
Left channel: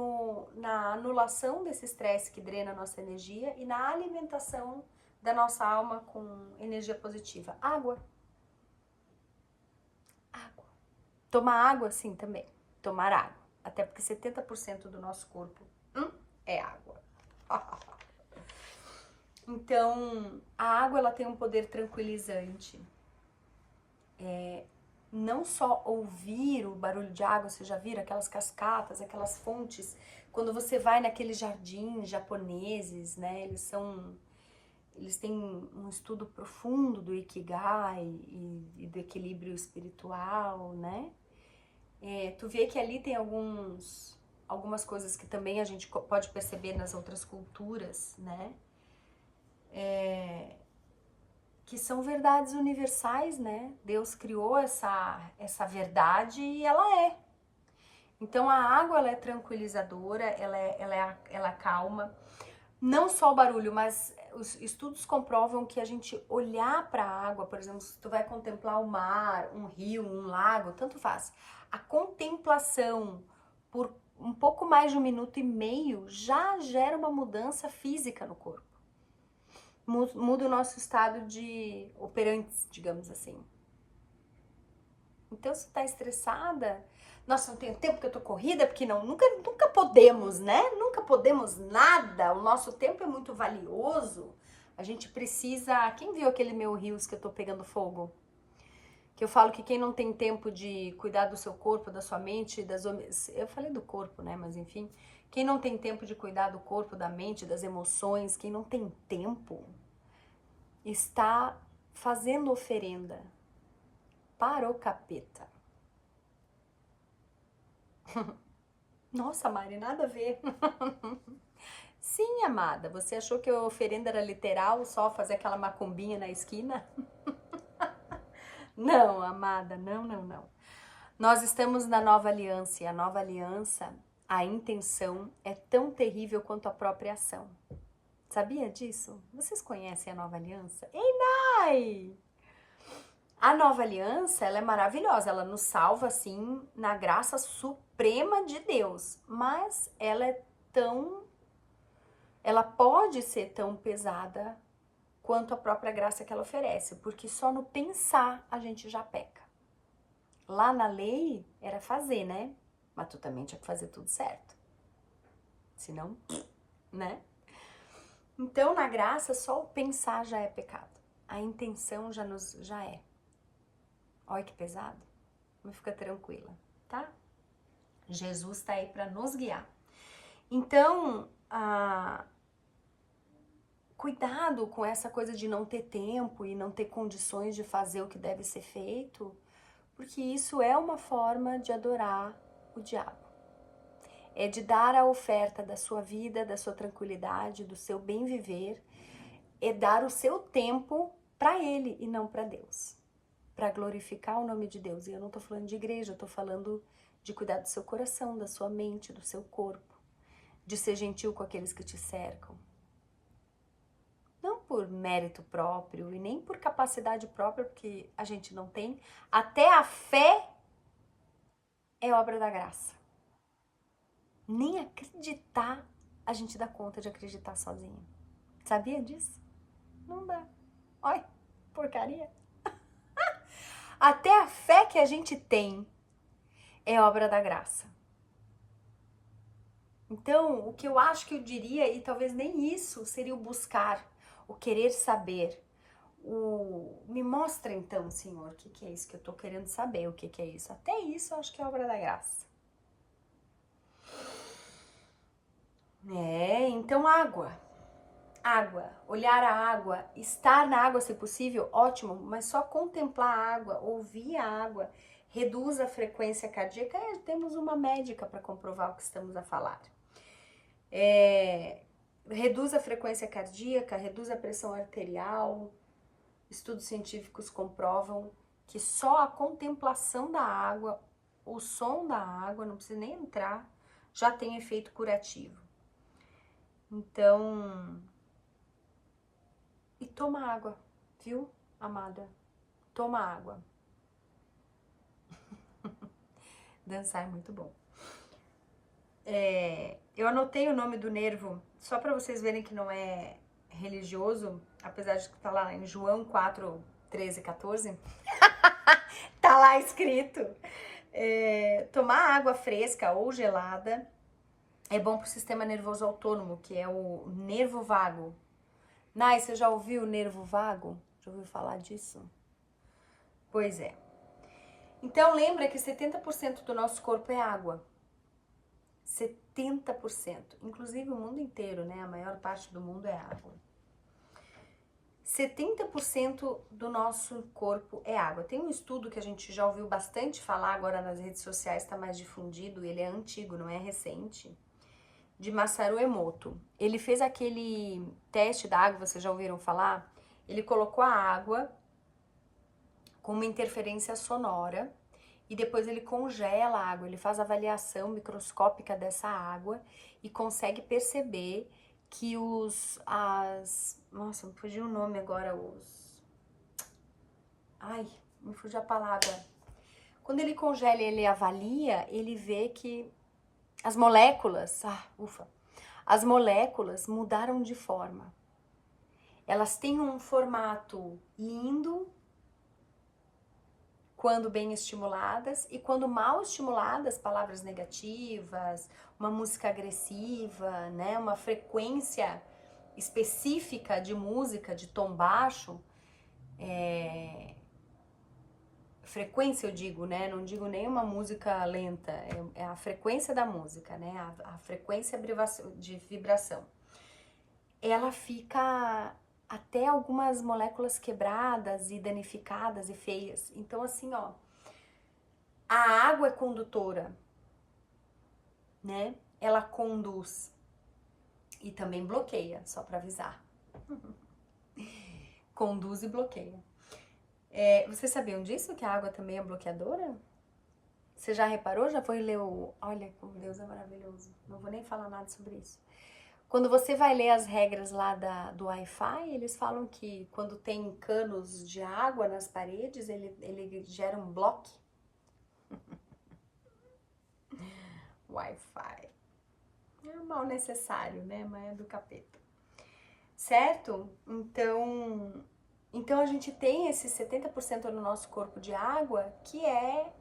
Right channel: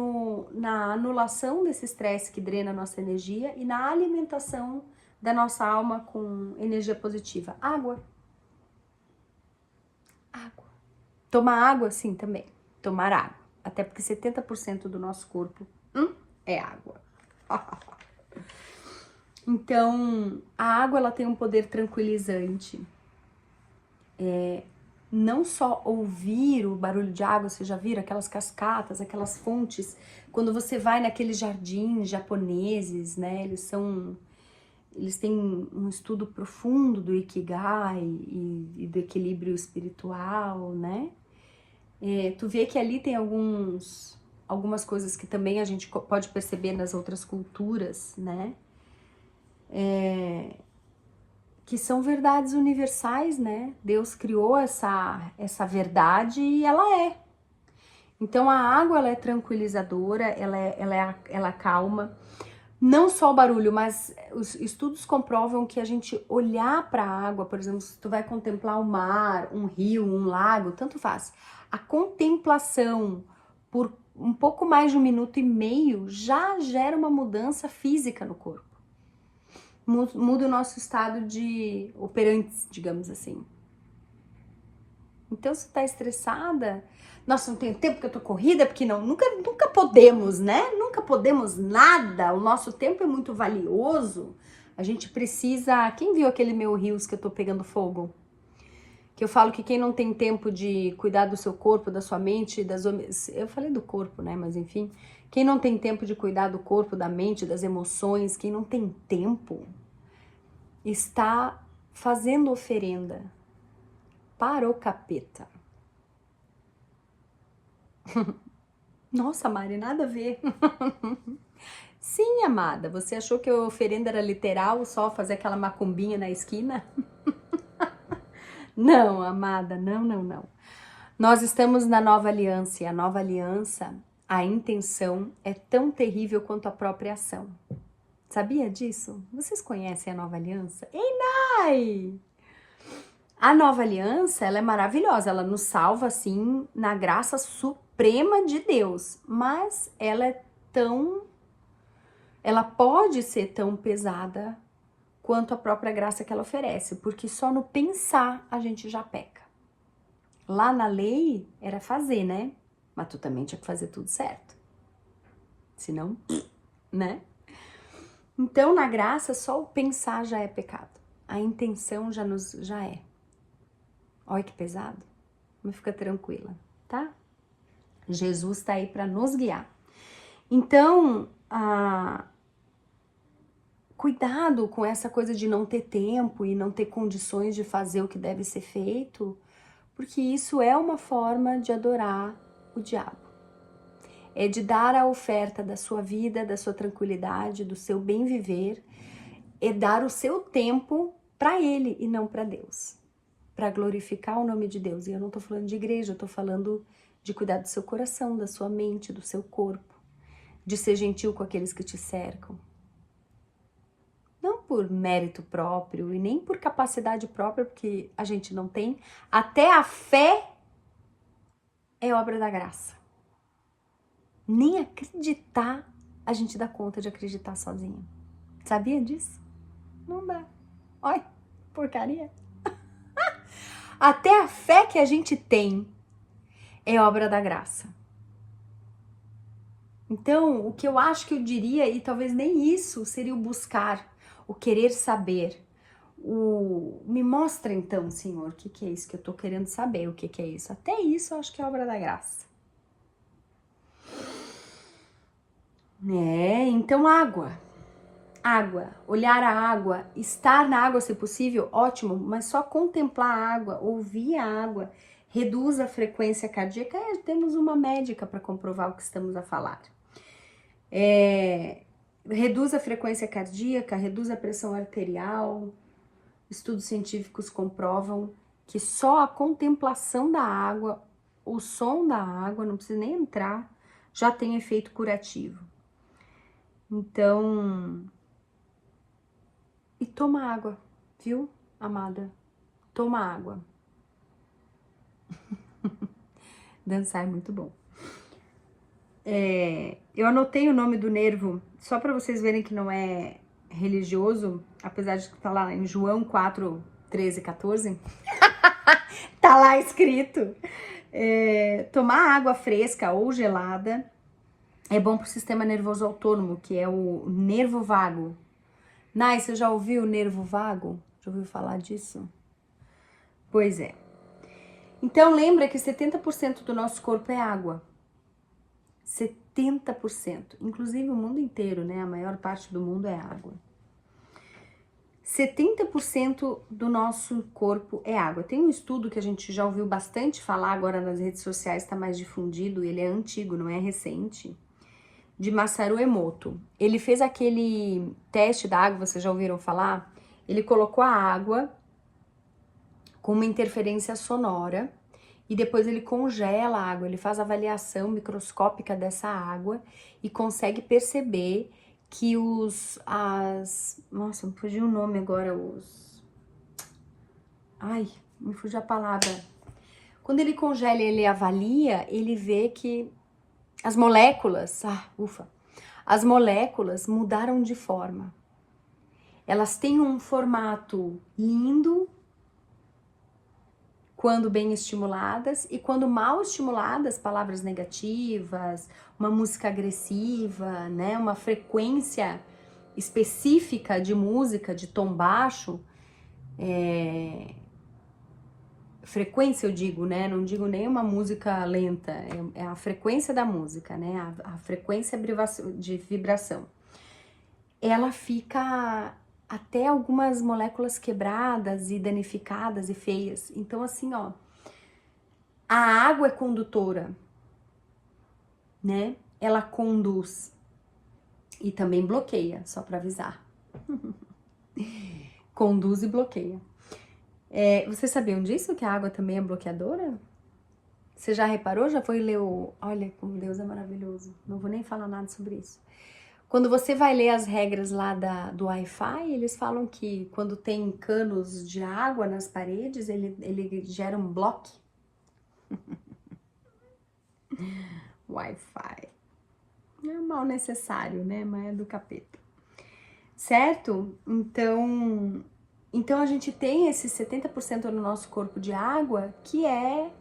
na anulação desse estresse que drena a nossa energia e na alimentação da nossa alma com energia positiva? Água. Água. Tomar água, sim, também. Tomar água. Até porque 70% do nosso corpo é água. Então, a água, ela tem um poder tranquilizante. Não só ouvir o barulho de água, você já viram aquelas cascatas, aquelas fontes, quando você vai naqueles jardins japoneses, né, eles têm um estudo profundo do Ikigai e do equilíbrio espiritual, né, tu vê que ali tem algumas coisas que também a gente pode perceber nas outras culturas, né, que são verdades universais, né? Deus criou essa verdade e ela é. Então a água, ela é tranquilizadora, ela calma. Não só o barulho, mas os estudos comprovam que a gente olhar para a água, por exemplo, se tu vai contemplar o mar, um rio, um lago, tanto faz. A contemplação por um pouco mais de 1,5 minutos já gera uma mudança física no corpo. Muda o nosso estado de operantes, digamos assim. Então, se tá estressada, nossa, não tenho tempo que eu tô corrida, porque nunca podemos, né? Nunca podemos nada. O nosso tempo é muito valioso. A gente precisa. Quem viu aquele meu Reels que eu tô pegando fogo? Que eu falo que quem não tem tempo de cuidar do seu corpo, da sua mente, eu falei do corpo, né? Mas enfim, quem não tem tempo de cuidar do corpo, da mente, das emoções, quem não tem tempo, está fazendo oferenda para o capeta. Nossa, Mari, nada a ver. Sim, amada, você achou que a oferenda era literal, só fazer aquela macumbinha na esquina? Não, amada, não. Nós estamos na nova aliança e a nova aliança, a intenção é tão terrível quanto a própria ação. Sabia disso? Vocês conhecem a nova aliança? Ei, Nai! A nova aliança, ela é maravilhosa, ela nos salva, assim, na graça suprema de Deus, mas ela pode ser tão pesada quanto a própria graça que ela oferece, porque só no pensar a gente já peca. Lá na lei era fazer, né? Mas tu também tinha que fazer tudo certo. Senão, né? Então, na graça, só o pensar já é pecado. A intenção já é. Olha que pesado. Mas fica tranquila, tá? Jesus está aí para nos guiar. Então, cuidado com essa coisa de não ter tempo e não ter condições de fazer o que deve ser feito, porque isso é uma forma de adorar o diabo. É de dar a oferta da sua vida, da sua tranquilidade, do seu bem viver, é dar o seu tempo para ele e não para Deus, para glorificar o nome de Deus. E eu não tô falando de igreja, eu tô falando de cuidar do seu coração, da sua mente, do seu corpo, de ser gentil com aqueles que te cercam. Não por mérito próprio e nem por capacidade própria, porque a gente não tem. Até a fé é obra da graça. Nem acreditar a gente dá conta de acreditar sozinho. Sabia disso? Não dá. Olha, porcaria. Até a fé que a gente tem é obra da graça. Então, o que eu acho que eu diria, e talvez nem isso, seria o buscar, o querer saber. Me mostra então, Senhor, o que é isso que eu tô querendo saber, o que é isso. Até isso eu acho que é obra da graça. Então água, olhar a água, estar na água se possível, ótimo, mas só contemplar a água, ouvir a água, reduz a frequência cardíaca, temos uma médica para comprovar o que estamos a falar. Reduz a frequência cardíaca, reduz a pressão arterial, estudos científicos comprovam que só a contemplação da água, o som da água, não precisa nem entrar, já tem efeito curativo. Então, e toma água, viu, amada? Toma água. Dançar é muito bom. Eu anotei o nome do nervo, só para vocês verem que não é religioso, apesar de estar lá em João 4, 13, 14. Tá lá escrito. Tomar água fresca ou gelada é bom pro sistema nervoso autônomo, que é o nervo vago. Nai, você já ouviu o nervo vago? Já ouviu falar disso? Pois é. Então lembra que 70% do nosso corpo é água. 70%. Inclusive o mundo inteiro, né? A maior parte do mundo é água. 70% do nosso corpo é água. Tem um estudo que a gente já ouviu bastante falar agora nas redes sociais, está mais difundido, ele é antigo, não é recente, de Masaru Emoto. Ele fez aquele teste da água, vocês já ouviram falar? Ele colocou a água com uma interferência sonora e depois ele congela a água, ele faz avaliação microscópica dessa água e consegue perceber que nossa, me fugiu o nome agora, me fugiu a palavra. Quando ele congela e ele avalia, ele vê que as moléculas, as moléculas mudaram de forma. Elas têm um formato lindo quando bem estimuladas e quando mal estimuladas, palavras negativas, uma música agressiva, né, uma frequência específica de música, de tom baixo, frequência eu digo, né, não digo nem uma música lenta, é a frequência da música, né, a frequência de vibração. Ela fica até algumas moléculas quebradas e danificadas e feias. Então, assim, ó, a água é condutora, né? Ela conduz e também bloqueia, só para avisar. Conduz e bloqueia. Vocês sabiam disso, que a água também é bloqueadora? Você já reparou? Já foi ler Olha como Deus é maravilhoso. Não vou nem falar nada sobre isso. Quando você vai ler as regras lá do Wi-Fi, eles falam que quando tem canos de água nas paredes, ele gera um bloco. Wi-Fi. É um mal necessário, né? Mas é do capeta. Certo? Então a gente tem esse 70% no nosso corpo de água que é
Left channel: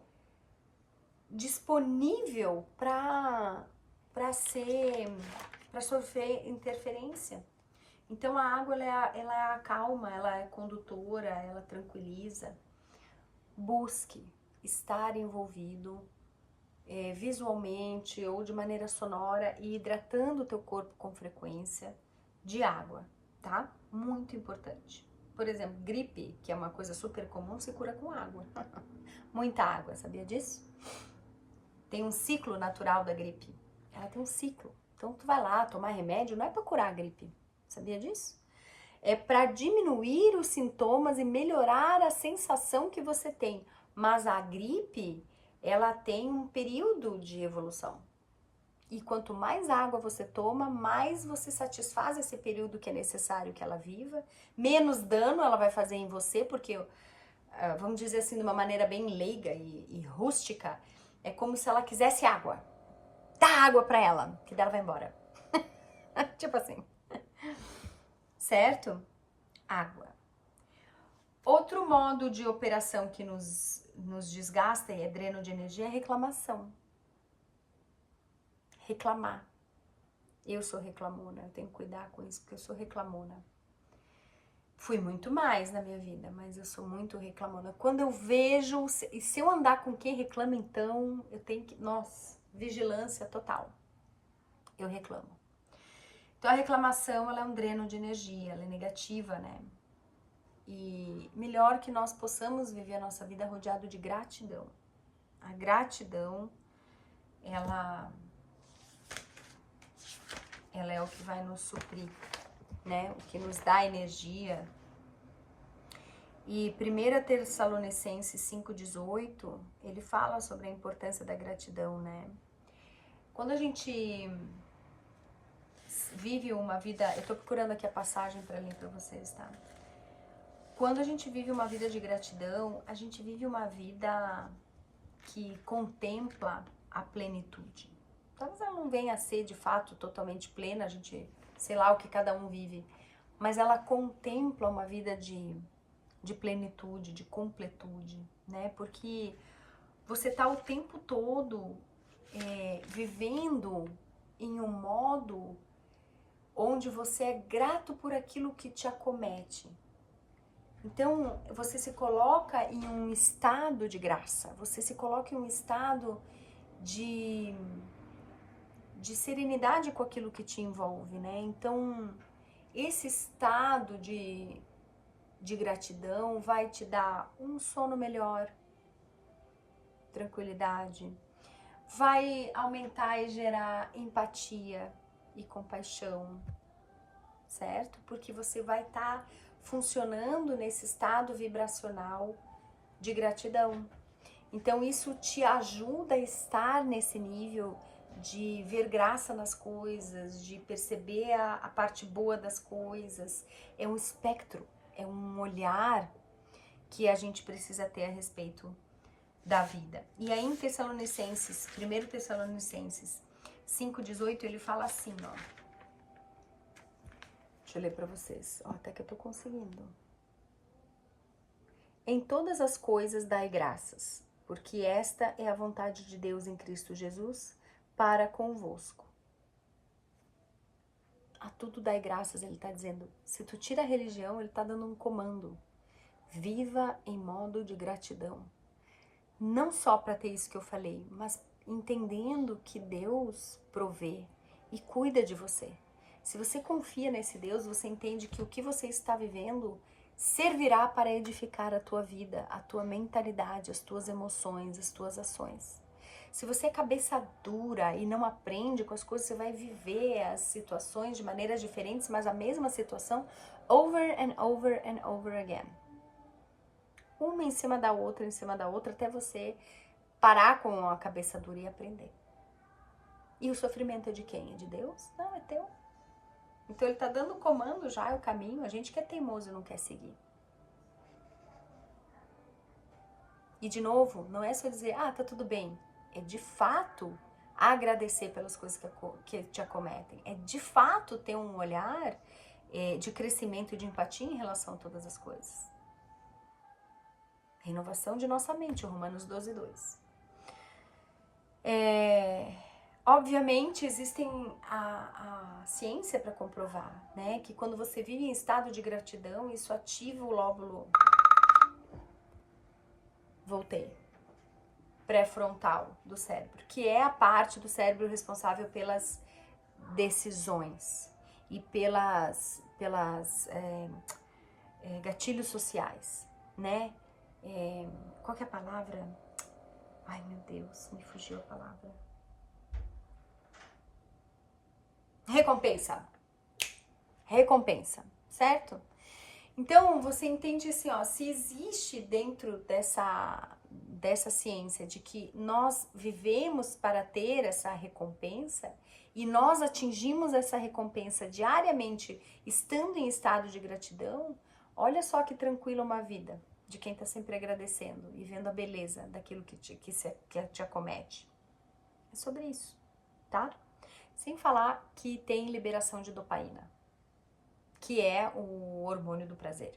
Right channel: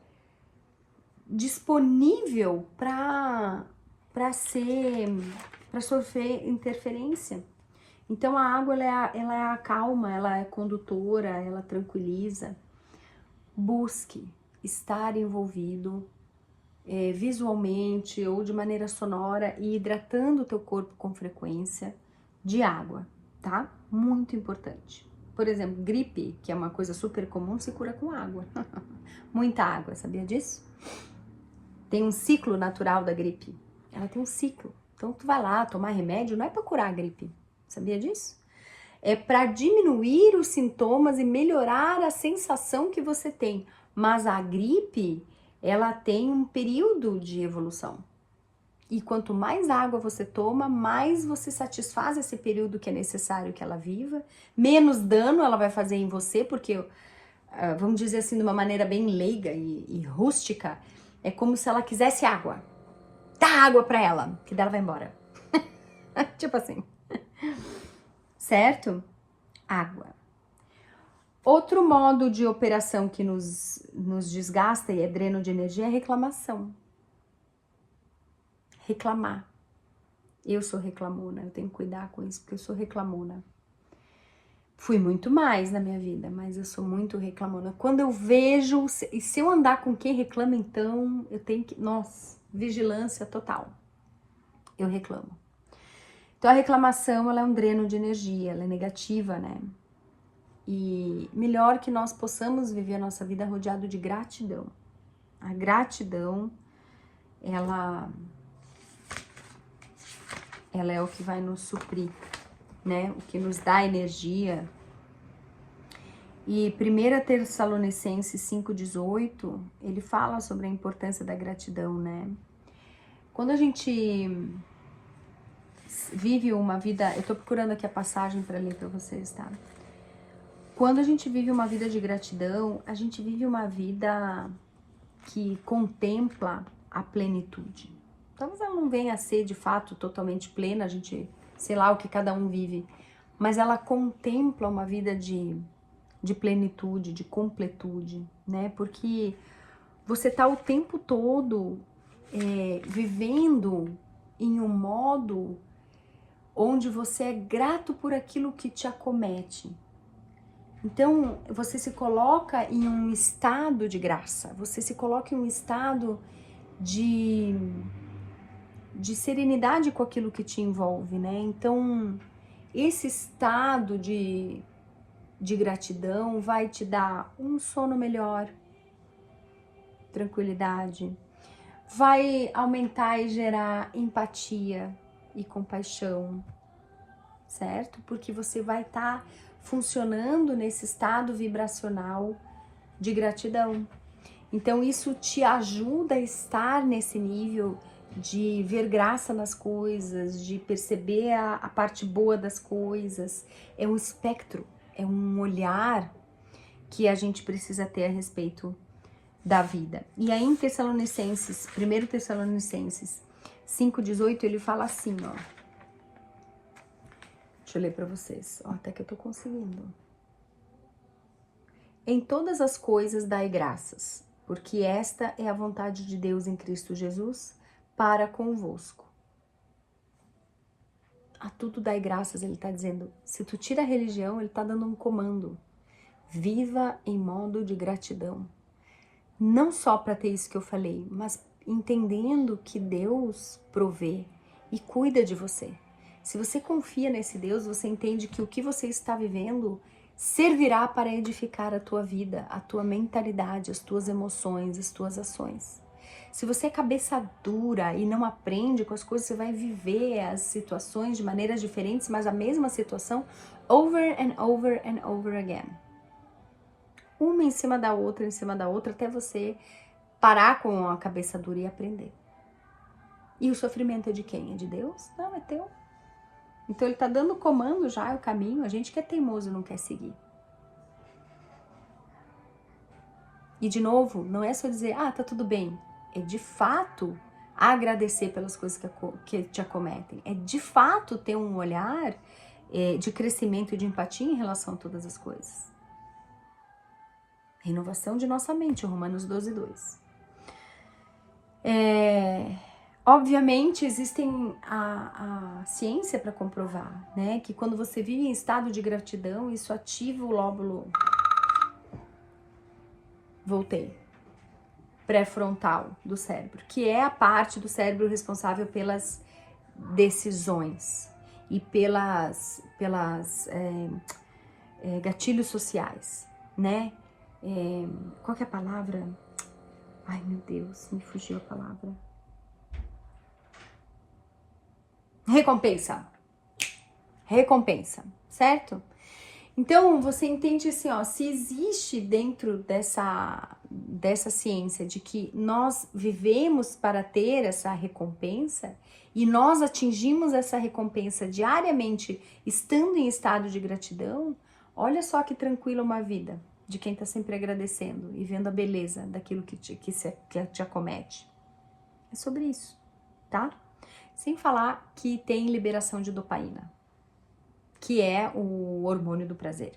disponível para sofrer interferência. Então a água ela é a calma, ela é condutora, ela tranquiliza. Busque estar envolvido visualmente ou de maneira sonora e hidratando o teu corpo com frequência de água, tá? Muito importante. Por exemplo, gripe, que é uma coisa super comum, se cura com água. Muita água, sabia disso? Tem um ciclo natural da gripe. Ela tem um ciclo. Então tu vai lá tomar remédio, não é para curar a gripe. Sabia disso? É para diminuir os sintomas e melhorar a sensação que você tem. Mas a gripe, ela tem um período de evolução. E quanto mais água você toma, mais você satisfaz esse período que é necessário que ela viva, menos dano ela vai fazer em você, porque, vamos dizer assim, de uma maneira bem leiga e rústica, é como se ela quisesse água. Dá água pra ela, que dela vai embora. Tipo assim. Certo? Água. Outro modo de operação que nos desgasta e é dreno de energia é reclamação. Reclamar. Eu sou reclamona, eu tenho que cuidar com isso, porque eu sou reclamona. Fui muito mais na minha vida, mas eu sou muito reclamona. Quando eu vejo, e se eu andar com quem reclama, então eu tenho que, nossa, vigilância total. Eu reclamo. Então a reclamação, ela é um dreno de energia, ela é negativa, né? E melhor que nós possamos viver a nossa vida rodeado de gratidão. A gratidão, ela é o que vai nos suprir, né? O que nos dá energia. E 1 Tessalonicenses 5,18, ele fala sobre a importância da gratidão, né? Quando a gente vive uma vida... Eu tô procurando aqui a passagem para ler para vocês, tá? Quando a gente vive uma vida de gratidão, a gente vive uma vida que contempla a plenitude. Talvez ela não venha a ser, de fato, totalmente plena, a gente, sei lá o que cada um vive, mas ela contempla uma vida de plenitude, de completude, né? Porque você tá o tempo todo vivendo em um modo onde você é grato por aquilo que te acomete. Então, você se coloca em um estado de graça, você se coloca em um estado de serenidade com aquilo que te envolve, né? Então, esse estado de gratidão vai te dar um sono melhor, tranquilidade, vai aumentar e gerar empatia e compaixão, certo? Porque você vai estar funcionando nesse estado vibracional de gratidão. Então isso te ajuda a estar nesse nível de ver graça nas coisas, de perceber a parte boa das coisas. É um espectro, é um olhar que a gente precisa ter a respeito da vida. E aí em Tessalonicenses, 1 Tessalonicenses 5,18, ele fala assim, ó. Deixa eu ler para vocês, ó, até que eu tô conseguindo. Em todas as coisas dai graças, porque esta é a vontade de Deus em Cristo Jesus para convosco. A tudo dai graças, ele tá dizendo. Se tu tira a religião, ele tá dando um comando. Viva em modo de gratidão. Não só para ter isso que eu falei, mas entendendo que Deus provê e cuida de você. Se você confia nesse Deus, você entende que o que você está vivendo servirá para edificar a tua vida, a tua mentalidade, as tuas emoções, as tuas ações. Se você é cabeça dura e não aprende com as coisas, você vai viver as situações de maneiras diferentes, mas a mesma situação over and over and over again. Uma em cima da outra, até você parar com a cabeça dura e aprender. E o sofrimento é de quem? É de Deus? Não, é teu. Então ele tá dando o comando já, é o caminho, a gente que é teimoso e não quer seguir. E de novo, não é só dizer, ah, tá tudo bem. É de fato agradecer pelas coisas que te acometem. É de fato ter um olhar de crescimento e de empatia em relação a todas as coisas. Renovação de nossa mente, Romanos 12:2. Obviamente, existem a ciência para comprovar, né? Que quando você vive em estado de gratidão, isso ativa o lóbulo... Voltei. Pré-frontal do cérebro, que é a parte do cérebro responsável pelas decisões e pelas gatilhos sociais, né? Qual que é a palavra? Ai, meu Deus, me fugiu a palavra. Recompensa. Recompensa, certo? Então, você entende assim, ó, se existe dentro dessa ciência de que nós vivemos para ter essa recompensa e nós atingimos essa recompensa diariamente estando em estado de gratidão, olha só que tranquila uma vida de quem está sempre agradecendo e vendo a beleza daquilo que te acomete. É sobre isso, tá? Sem falar que tem liberação de dopamina, que é o hormônio do prazer.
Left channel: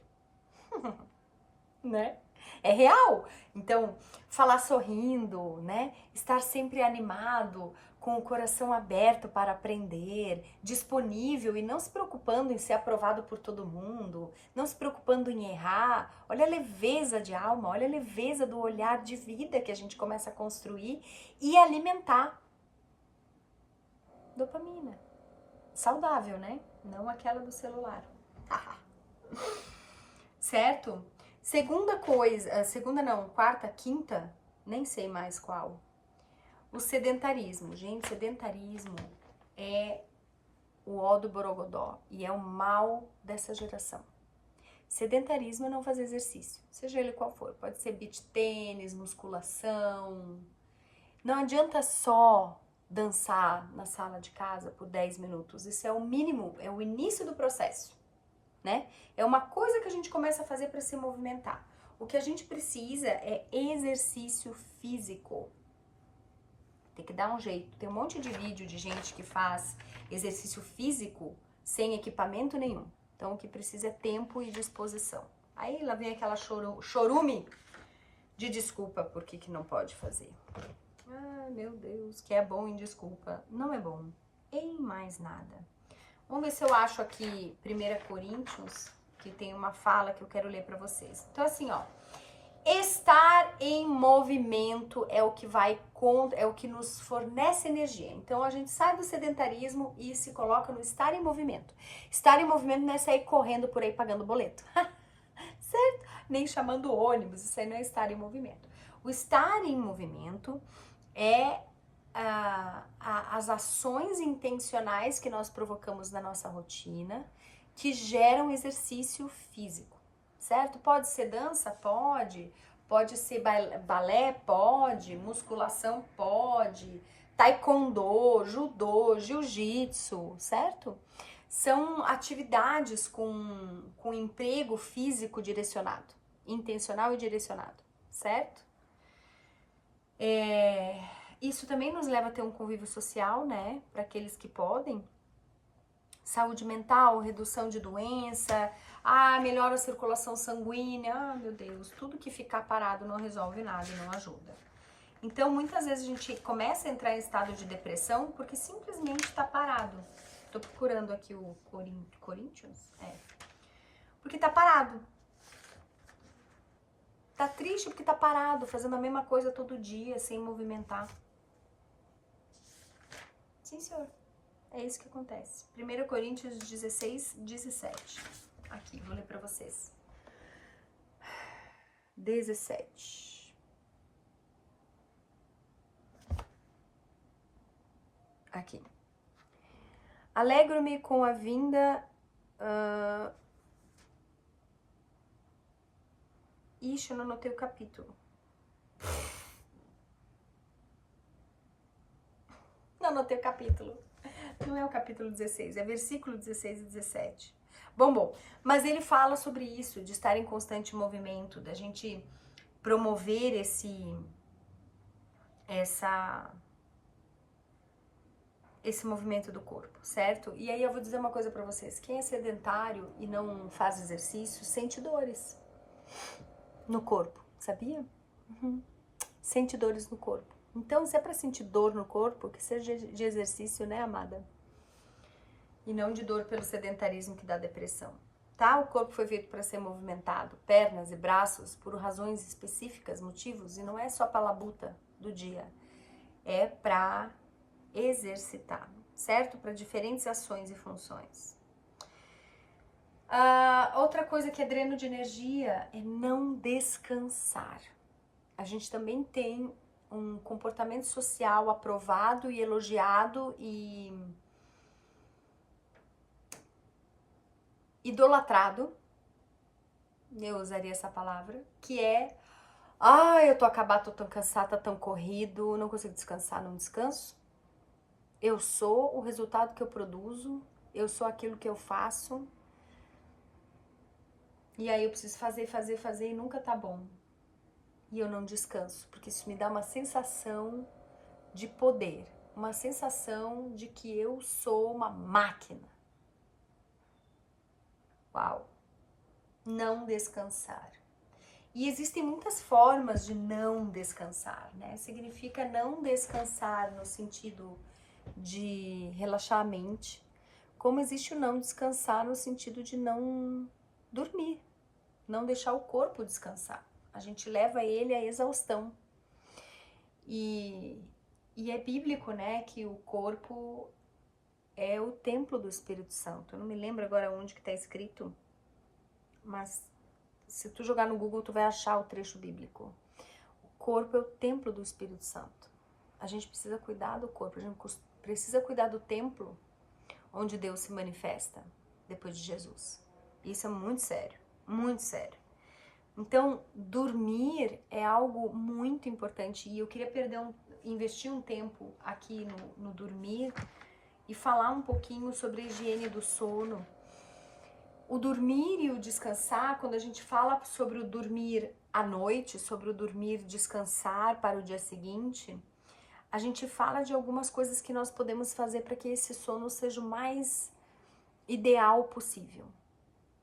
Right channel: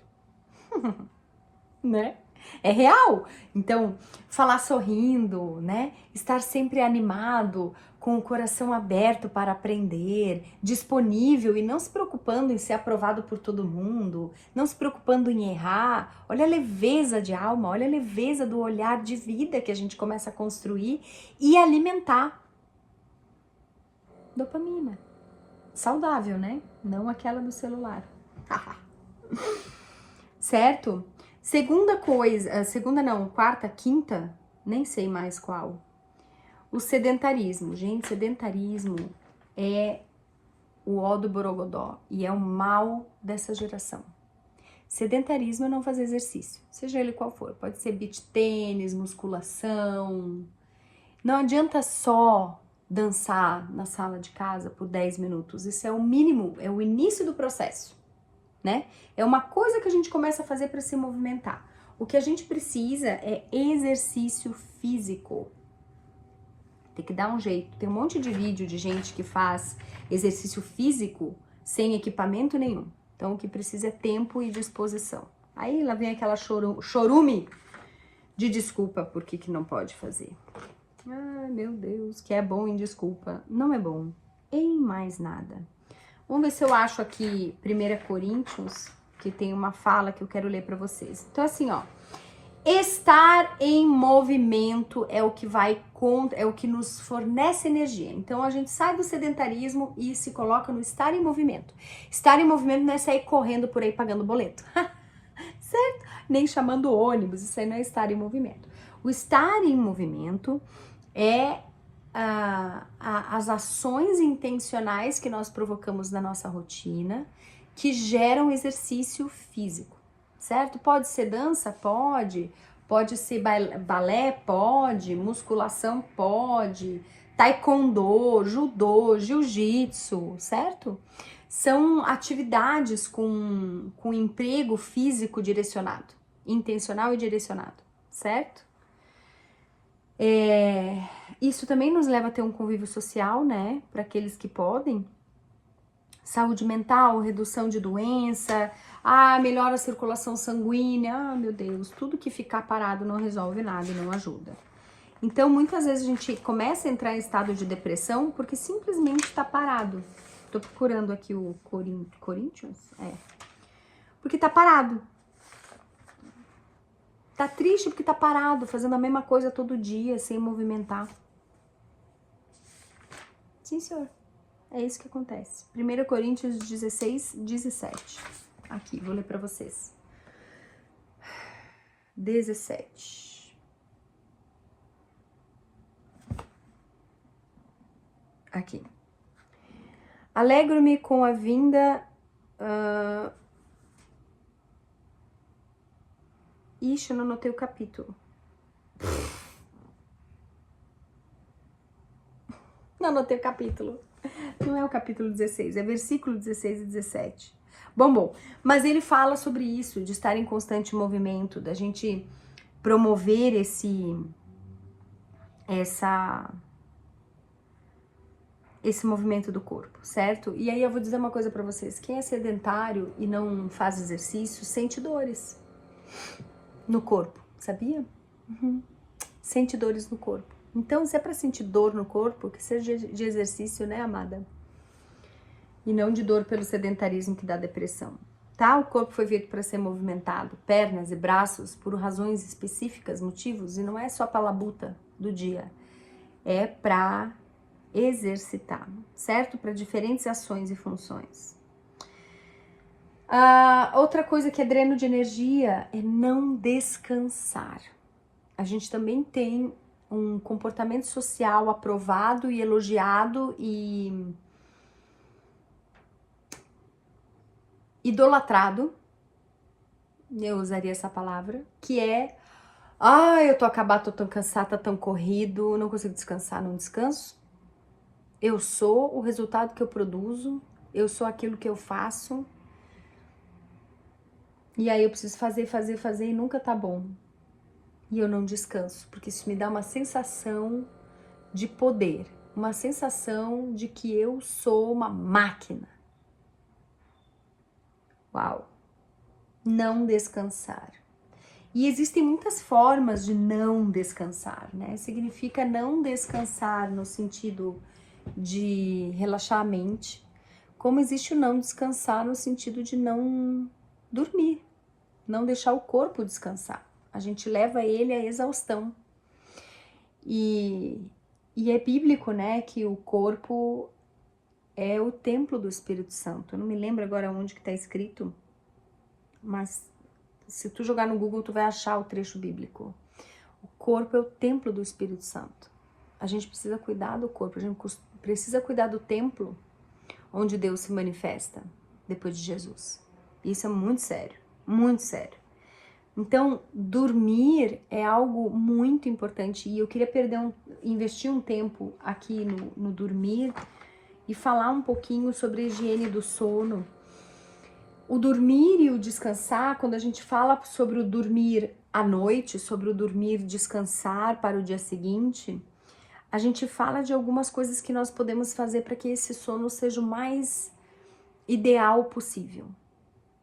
Né? É real. Então, falar sorrindo, né? Estar sempre animado, com o coração aberto para aprender, disponível e não se preocupando em ser aprovado por todo mundo, não se preocupando em errar. Olha a leveza de alma, olha a leveza do olhar de vida que a gente começa a construir e alimentar. Dopamina. Saudável, né? Não aquela do celular. Certo? Segunda coisa, quarta, quinta, nem sei mais qual. O sedentarismo. Gente, sedentarismo é o ó do borogodó e é o mal dessa geração. Sedentarismo é não fazer exercício, seja ele qual for. Pode ser beach tênis, musculação. Não adianta só dançar na sala de casa por 10 minutos. Isso é o mínimo, é o início do processo. Né? É uma coisa que a gente começa a fazer para se movimentar. O que a gente precisa é exercício físico. Tem que dar um jeito. Tem um monte de vídeo de gente que faz exercício físico sem equipamento nenhum. Então, o que precisa é tempo e disposição. Aí, lá vem aquela chorume de desculpa por que não pode fazer. Ah, meu Deus, que é bom em desculpa. Não é bom em mais nada. Vamos ver se eu acho aqui 1 Coríntios, que tem uma fala que eu quero ler para vocês. Então, assim, ó. Estar em movimento é o que é o que nos fornece energia. Então, a gente sai do sedentarismo e se coloca no estar em movimento. Estar em movimento não é sair correndo por aí pagando boleto. Certo? Nem chamando ônibus, isso aí não é estar em movimento. O estar em movimento é as ações intencionais que nós provocamos na nossa rotina, que geram exercício físico, certo? Pode ser dança? Pode. Pode ser balé? Pode. Musculação? Pode. Taekwondo, judô, jiu-jitsu, certo? São atividades com emprego físico direcionado, intencional e direcionado, certo? Isso também nos leva a ter um convívio social, né? Para aqueles que podem. Saúde mental, redução de doença, melhora a circulação sanguínea. Meu Deus, tudo que ficar parado não resolve nada e não ajuda. Então, muitas vezes a gente começa a entrar em estado de depressão porque simplesmente está parado. Tô procurando aqui o Corinthians? Porque tá parado. Tá triste porque tá parado, fazendo a mesma coisa todo dia, sem movimentar. Sim, senhor. É isso que acontece. 1 Coríntios 16, 17. Aqui, vou ler pra vocês. 17. Aqui. Alegro-me com a vinda... Ixi, eu não anotei o capítulo. Não anotei o capítulo. Não é o capítulo 16, é versículo 16 e 17. Bom, mas ele fala sobre isso, de estar em constante movimento, da gente promover esse movimento do corpo, certo? E aí eu vou dizer uma coisa pra vocês, quem é sedentário e não faz exercício, sente dores no corpo, sabia? Sente dores no corpo. Então, se é para sentir dor no corpo, que seja de exercício, né, amada? E não de dor pelo sedentarismo que dá depressão. Tá? O corpo foi feito para ser movimentado, pernas e braços, por razões específicas, motivos, e não é só para labuta do dia. É para exercitar, certo? Para diferentes ações e funções. Outra coisa que é dreno de energia é não descansar. A gente também tem um comportamento social aprovado e elogiado e idolatrado, eu usaria essa palavra, que é, eu tô acabada, tô tão cansada, tá tão corrido, não consigo descansar, não descanso. Eu sou o resultado que eu produzo, eu sou aquilo que eu faço. E aí eu preciso fazer e nunca tá bom. E eu não descanso, porque isso me dá uma sensação de poder, uma sensação de que eu sou uma máquina. Uau! Não descansar. E existem muitas formas de não descansar, né? Significa não descansar no sentido de relaxar a mente, como existe o não descansar no sentido de não dormir, não deixar o corpo descansar. A gente leva ele à exaustão. E é bíblico, né, que o corpo é o templo do Espírito Santo. Eu não me lembro agora onde que está escrito, mas se tu jogar no Google, tu vai achar o trecho bíblico. O corpo é o templo do Espírito Santo. A gente precisa cuidar do corpo, a gente precisa cuidar do templo onde Deus se manifesta depois de Jesus. Isso é muito sério, muito sério. Então, dormir é algo muito importante e eu queria investir um tempo aqui no dormir e falar um pouquinho sobre a higiene do sono. O dormir e o descansar, quando a gente fala sobre o dormir à noite, sobre o dormir descansar para o dia seguinte, a gente fala de algumas coisas que nós podemos fazer para que esse sono seja o mais ideal possível.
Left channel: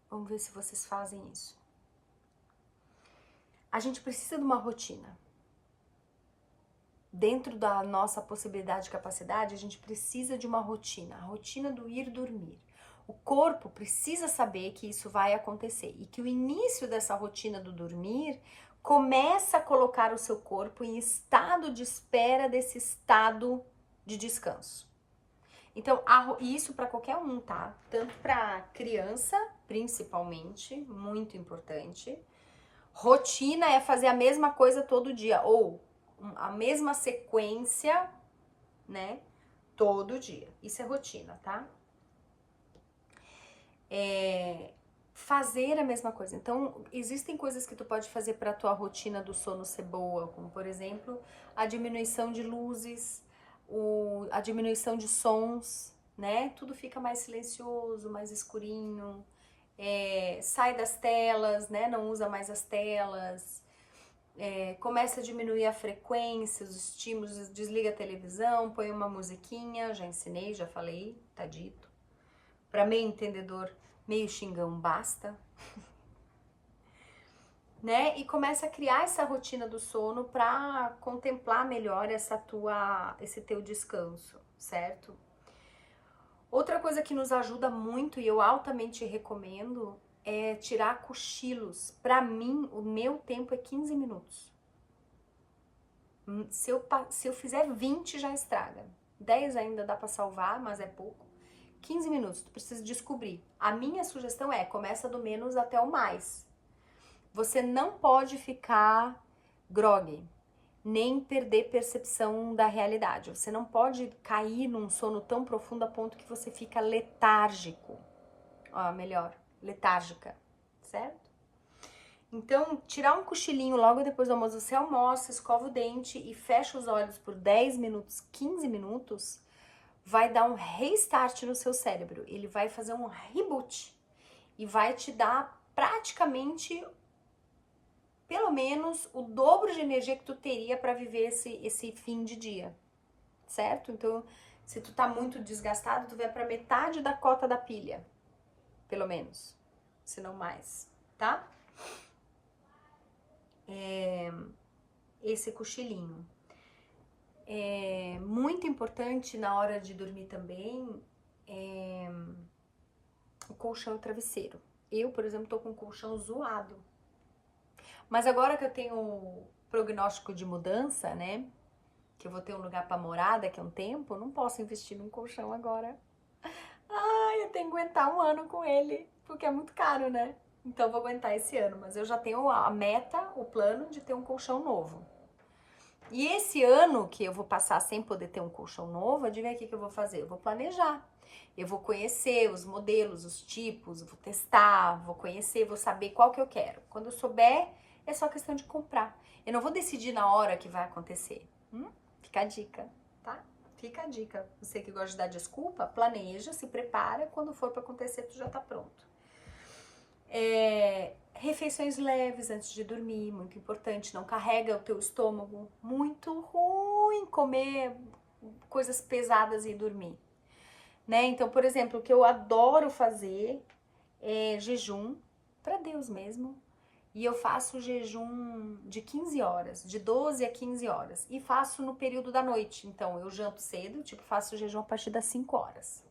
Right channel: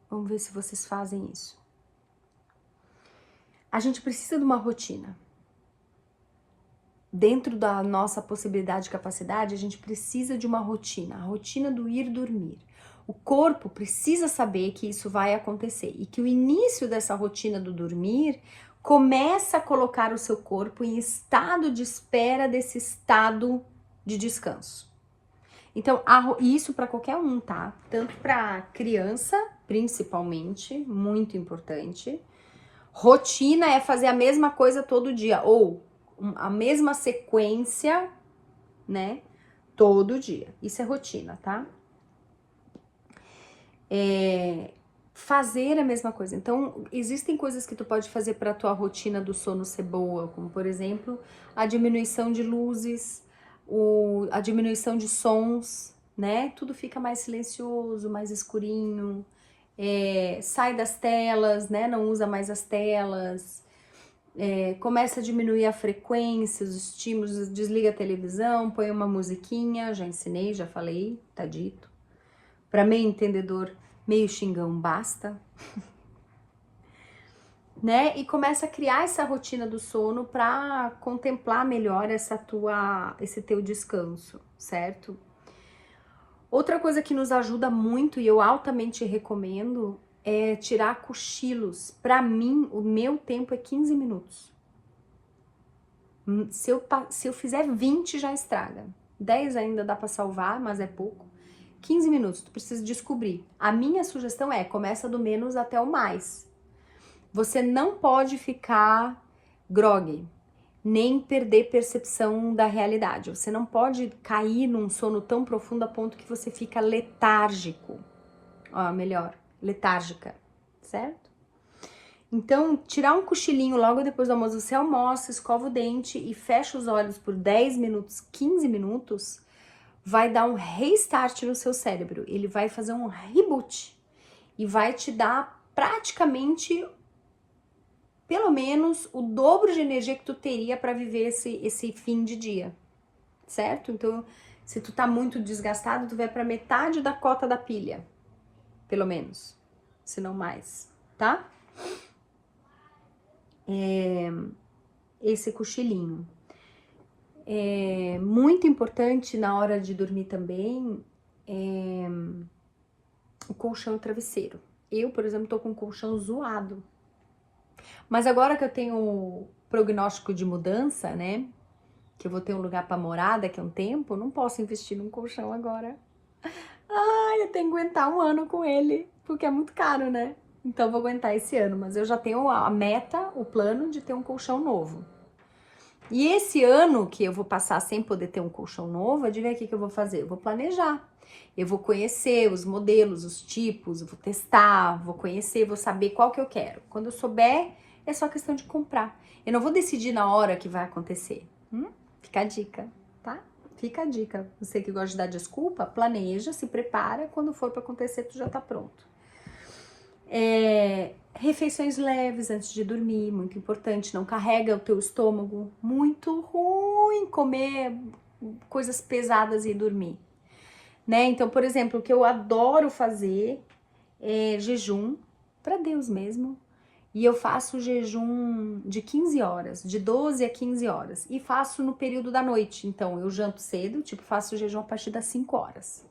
Vamos ver se vocês fazem isso. A gente precisa de uma rotina. Dentro da nossa possibilidade e capacidade, a gente precisa de uma rotina, a rotina do ir dormir. O corpo precisa saber que isso vai acontecer e que o início dessa rotina do dormir começa a colocar o seu corpo em estado de espera desse estado de descanso. Então, isso para qualquer um, tá? Tanto para criança, principalmente, muito importante. Rotina é fazer a mesma coisa todo dia, ou a mesma sequência, né? Todo dia. Isso é rotina, tá? Fazer a mesma coisa. Então, existem coisas que tu pode fazer para tua rotina do sono ser boa, como por exemplo, a diminuição de luzes, a diminuição de sons, né? Tudo fica mais silencioso, mais escurinho. Sai das telas, né? Não usa mais as telas. Começa a diminuir a frequência, os estímulos, desliga a televisão, põe uma musiquinha, já ensinei, já falei, tá dito. Para meio entendedor, meio xingão basta. Né? E começa a criar essa rotina do sono para contemplar melhor esse teu descanso, certo? Outra coisa que nos ajuda muito e eu altamente recomendo é tirar cochilos. Para mim, o meu tempo é 15 minutos. Se eu fizer 20, já estraga. 10 ainda dá para salvar, mas é pouco. 15 minutos, tu precisa descobrir. A minha sugestão é, começa do menos até o mais. Você não pode ficar grogue, nem perder percepção da realidade. Você não pode cair num sono tão profundo a ponto que você fica letárgico. Melhor, letárgica, certo? Então, tirar um cochilinho logo depois do almoço, você almoça, escova o dente e fecha os olhos por 10 minutos, 15 minutos, vai dar um restart no seu cérebro. Ele vai fazer um reboot e vai te dar praticamente, pelo menos, o dobro de energia que tu teria para viver esse fim de dia, certo? Então, se tu tá muito desgastado, tu vai para metade da cota da pilha, pelo menos, se não mais, tá? Esse cochilinho. É muito importante na hora de dormir também o colchão e o travesseiro. Eu, por exemplo, tô com o colchão zoado. Mas agora que eu tenho o prognóstico de mudança, né? Que eu vou ter um lugar para morar daqui a um tempo, não posso investir num colchão agora. Ai, eu tenho que aguentar um ano com ele, porque é muito caro, né? Então eu vou aguentar esse ano, mas eu já tenho a meta, o plano de ter um colchão novo. E esse ano que eu vou passar sem poder ter um colchão novo, adivinha o que eu vou fazer? Eu vou planejar. Eu vou conhecer os modelos, os tipos, vou testar, vou conhecer, vou saber qual que eu quero. Quando eu souber, é só questão de comprar. Eu não vou decidir na hora que vai acontecer. Fica a dica, tá? Fica a dica. Você que gosta de dar desculpa, planeja, se prepara. Quando for para acontecer, tu já tá pronto. Refeições leves antes de dormir, muito importante. Não carrega o teu estômago. Muito ruim comer coisas pesadas e dormir. Né? Então, por exemplo, o que eu adoro fazer é jejum, para Deus mesmo. E eu faço jejum de 15 horas, de 12 a 15 horas. E faço no período da noite. Então, eu janto cedo, tipo, faço jejum a partir das 5 horas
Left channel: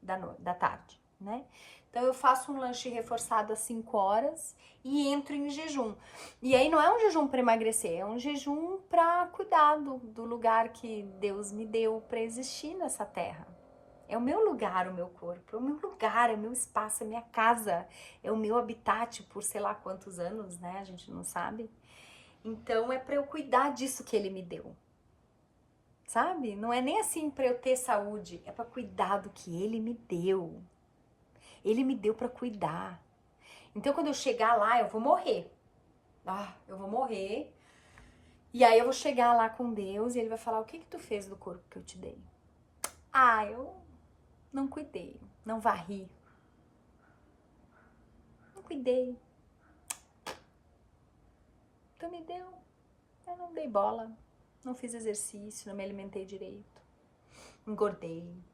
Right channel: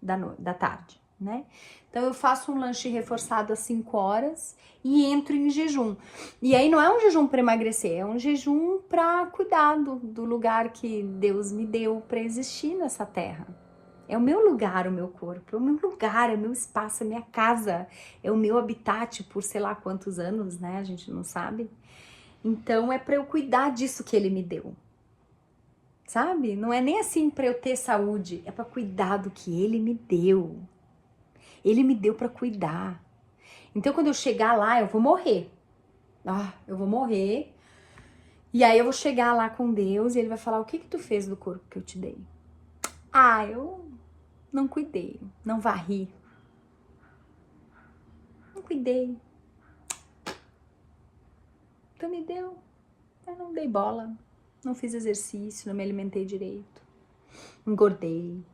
da tarde, né? Então, eu faço um lanche reforçado às 5 horas e entro em jejum. E aí, não é um jejum para emagrecer, é um jejum para cuidar do lugar que Deus me deu para existir nessa terra. É o meu lugar, o meu corpo, é o meu lugar, é o meu espaço, é a minha casa, é o meu habitat por sei lá quantos anos, né? A gente não sabe. Então é para eu cuidar disso que ele me deu. Sabe? Não é nem assim para eu ter saúde, é para cuidar do que ele me deu. Ele me deu para cuidar. Então quando eu chegar lá, eu vou morrer. Eu vou morrer. E aí eu vou chegar lá com Deus e ele vai falar: "O que tu fez do corpo que eu te dei?" Eu não cuidei, não varri. Não cuidei. Tu me deu. Eu não dei bola. Não fiz exercício, não me alimentei direito. Engordei.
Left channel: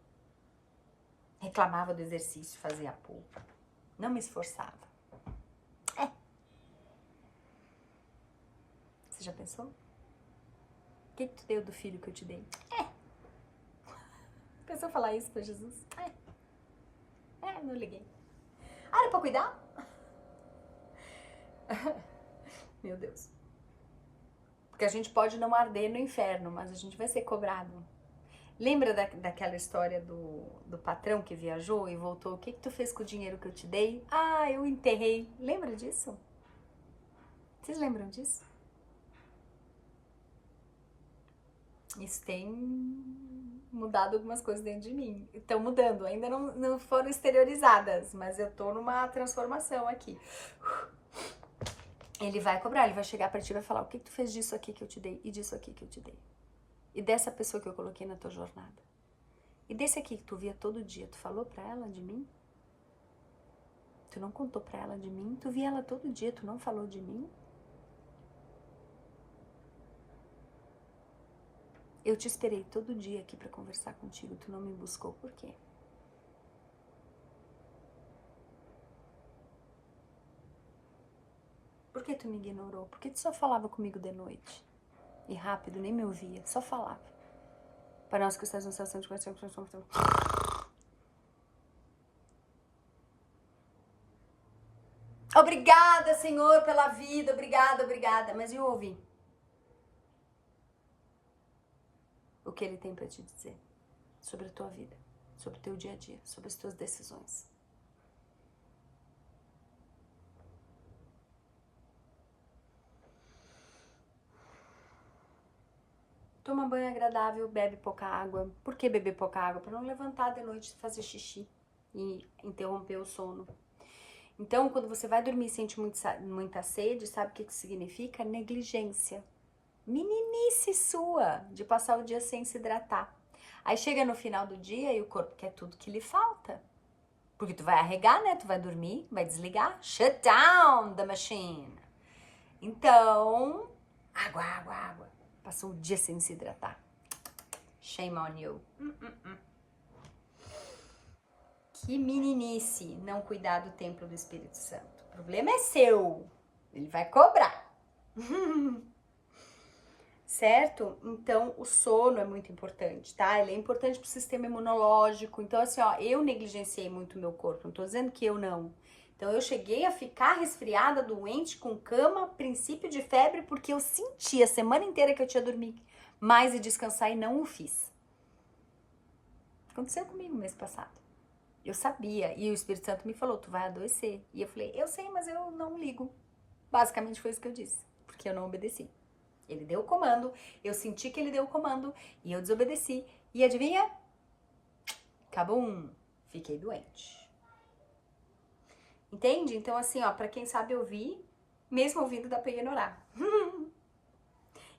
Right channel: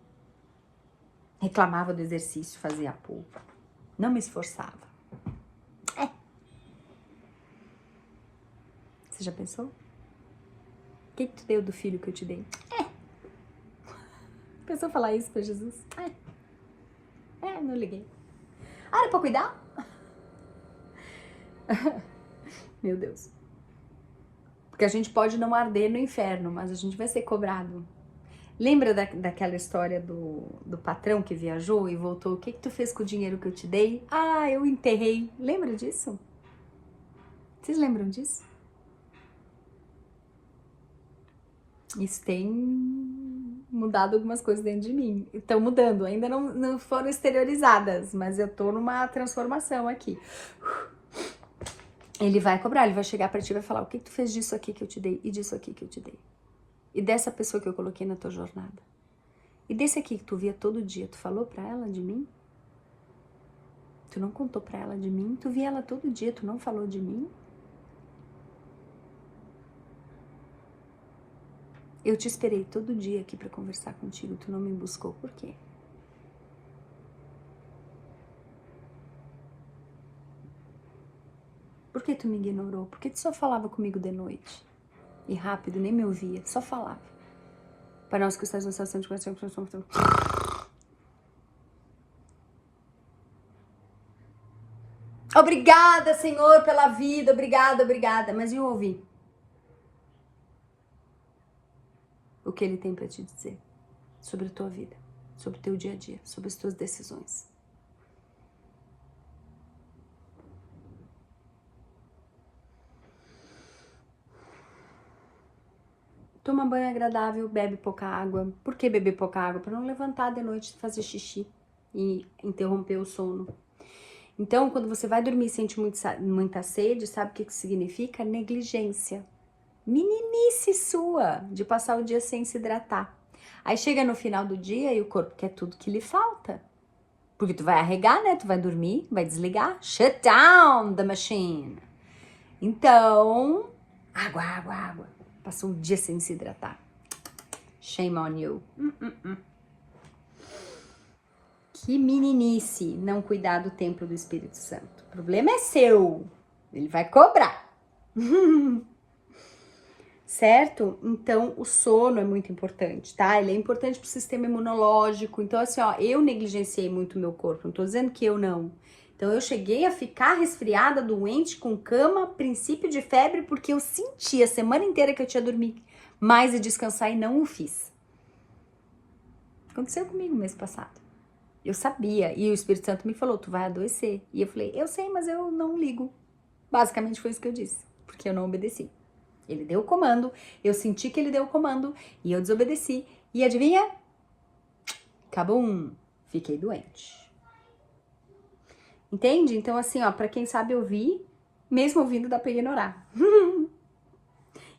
Reclamava do exercício, fazia pouco. Não me esforçava. Você já pensou? O que tu deu do filho que eu te dei? Pensou falar isso pra Jesus? Não liguei. Era pra cuidar? Meu Deus. Porque a gente pode não arder no inferno, mas a gente vai ser cobrado. Lembra daquela história do patrão que viajou e voltou? O que tu fez com o dinheiro que eu te dei? Eu enterrei. Lembra disso? Vocês lembram disso? Isso tem mudado algumas coisas dentro de mim. Estão mudando, ainda não foram exteriorizadas, mas eu tô numa transformação aqui. Ele vai cobrar, ele vai chegar pra ti e vai falar: o que tu fez disso aqui que eu te dei e disso aqui que eu te dei? E dessa pessoa que eu coloquei na tua jornada? E desse aqui que tu via todo dia, tu falou pra ela de mim? Tu não contou pra ela de mim? Tu via ela todo dia, tu não falou de mim? Eu te esperei todo dia aqui pra conversar contigo, tu não me buscou, por quê? Por que tu me ignorou? Por que tu só falava comigo de noite? E rápido, nem me ouvia, só falava. Para nós que estás na situação de coração, obrigada, Senhor, pela vida, obrigada. Mas e eu ouvi? O que ele tem para te dizer sobre a tua vida, sobre o teu dia a dia, sobre as tuas decisões. Toma banho agradável, bebe pouca água. Por que beber pouca água? Para não levantar de noite e fazer xixi e interromper o sono. Então, quando você vai dormir e sente muita sede, sabe o que significa? Negligência. Meninice sua de passar o dia sem se hidratar. Aí chega no final do dia e o corpo quer tudo que lhe falta. Porque tu vai arregar, né? Tu vai dormir, vai desligar. Shut down the machine. Então, água. Passou um dia sem se hidratar. Shame on you. Que meninice não cuidar do templo do Espírito Santo. O problema é seu. Ele vai cobrar. certo? Então, o sono é muito importante, tá? Ele é importante pro sistema imunológico. Então, assim, ó, eu negligenciei muito o meu corpo, não tô dizendo que eu não. Então, eu cheguei a ficar resfriada, doente, com cama, princípio de febre, porque eu senti a semana inteira que eu tinha dormir mais e descansar e não o fiz. Aconteceu comigo mês passado. Eu sabia, e o Espírito Santo me falou, tu vai adoecer. E eu falei, eu sei, mas eu não ligo. Basicamente foi isso que eu disse, porque eu não obedeci. Ele deu o comando, eu senti que ele deu o comando e eu desobedeci. E adivinha? Acabou fiquei doente. Entende? Então assim, ó, pra quem sabe ouvir, mesmo ouvindo dá pra ignorar.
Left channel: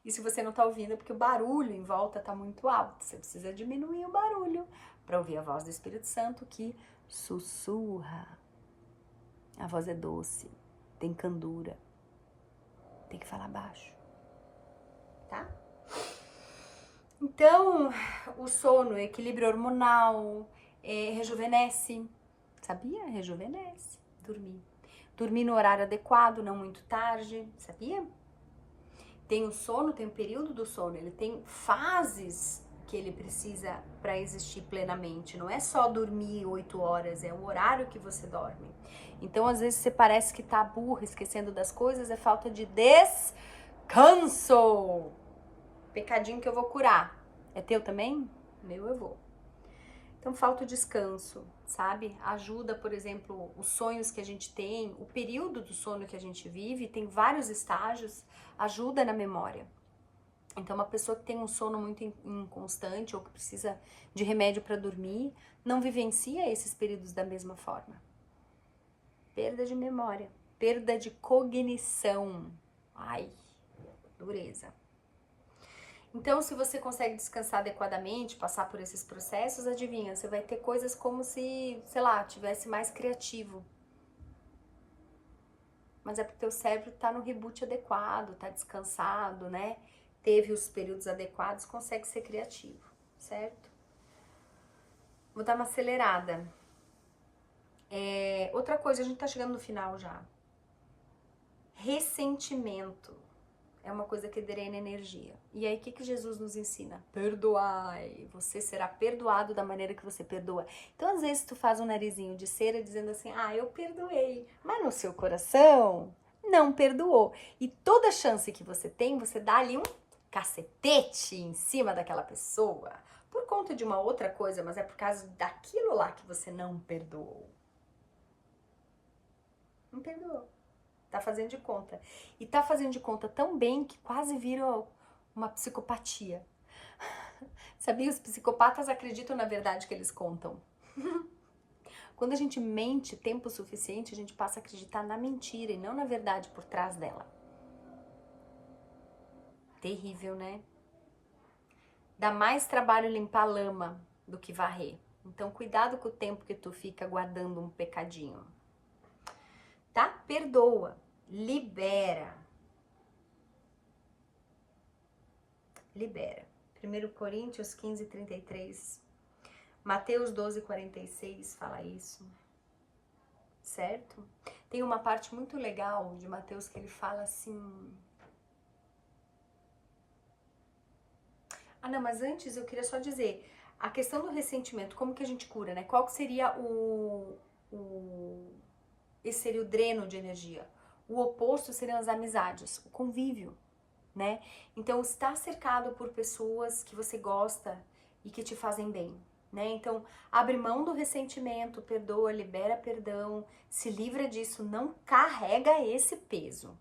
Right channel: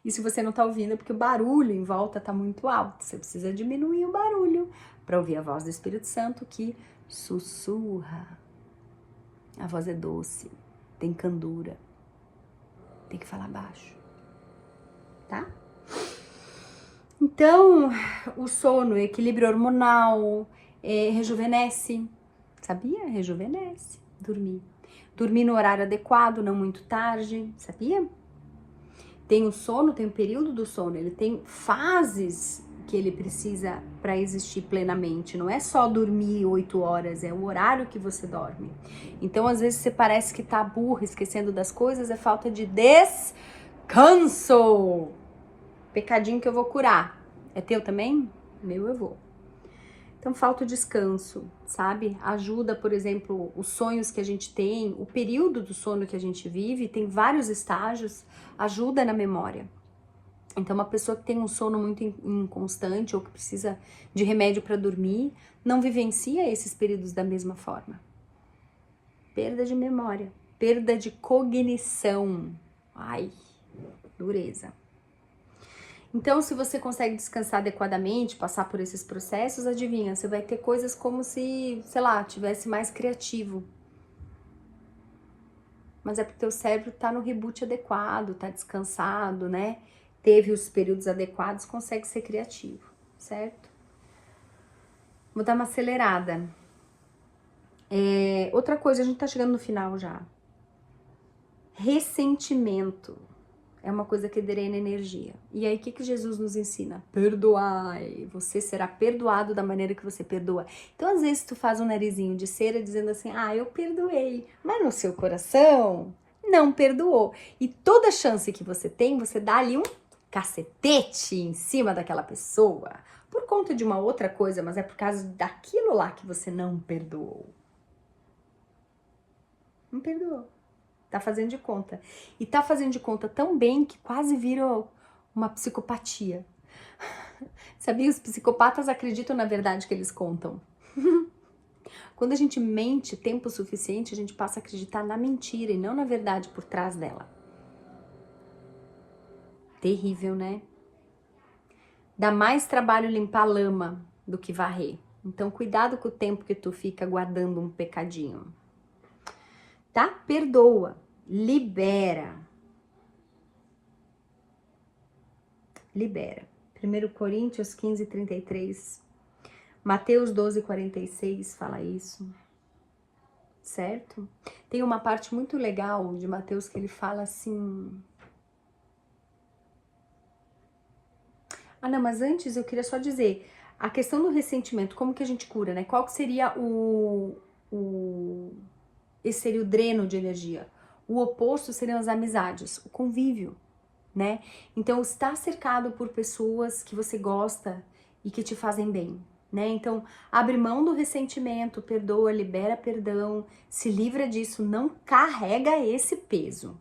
E se você não tá ouvindo é porque o barulho em volta tá muito alto. Você precisa diminuir o barulho pra ouvir a voz do Espírito Santo que sussurra. A voz é doce, tem candura. Tem que falar baixo. Tá? Então, o sono, o equilíbrio hormonal, rejuvenesce, sabia? Rejuvenesce, dormir. Dormir no horário adequado, não muito tarde, sabia? Tem o sono, tem o período do sono, ele tem fases que ele precisa para existir plenamente. Não é só dormir 8 horas, é o horário que você dorme. Então, às vezes, você parece que tá burro, esquecendo das coisas, é falta de descanso. Pecadinho que eu vou curar. É teu também? Meu eu vou. Então falta o descanso, sabe? Ajuda, por exemplo, os sonhos que a gente tem, o período do sono que a gente vive, tem vários estágios, ajuda na memória. Então uma pessoa que tem um sono muito inconstante ou que precisa de remédio para dormir, não vivencia esses períodos da mesma forma. Perda de memória, perda de cognição. Ai, dureza. Então, se você consegue descansar adequadamente, passar por esses processos, adivinha, você vai ter coisas como se, sei lá, tivesse mais criativo. Mas é porque teu cérebro tá no reboot adequado, tá descansado, né? Teve os períodos adequados, consegue ser criativo, certo? Vou dar uma acelerada. Outra coisa, a gente tá chegando no final já. Ressentimento. É uma coisa que drena energia. E aí, o que Jesus nos ensina? Perdoai. Você será perdoado da maneira que você perdoa. Então, às vezes, tu faz um narizinho de cera dizendo assim, eu perdoei. Mas no seu coração, não perdoou. E toda chance que você tem, você dá ali um cacetete em cima daquela pessoa. Por conta de uma outra coisa, mas é por causa daquilo lá que você não perdoou. Não perdoou. Tá fazendo de conta. E tá fazendo de conta tão bem que quase vira uma psicopatia. Sabia? Os psicopatas acreditam na verdade que eles contam. Quando a gente mente tempo suficiente, a gente passa a acreditar na mentira e não na verdade por trás dela. Terrível, né? Dá mais trabalho limpar lama do que varrer. Então, cuidado com o tempo que tu fica guardando um pecadinho. Tá? Perdoa. Libera. Libera. 1 Coríntios 15, 33. Mateus 12, 46 fala isso. Certo? Tem uma parte muito legal de Mateus que ele fala assim... não, mas antes eu queria só dizer... A questão do ressentimento, como que a gente cura, né? Qual que seria esse seria o dreno de energia. O oposto seriam as amizades, o convívio, né? Então, estar cercado por pessoas que você gosta e que te fazem bem, né? Então, abre mão do ressentimento, perdoa, libera perdão, se livra disso, não carrega esse peso.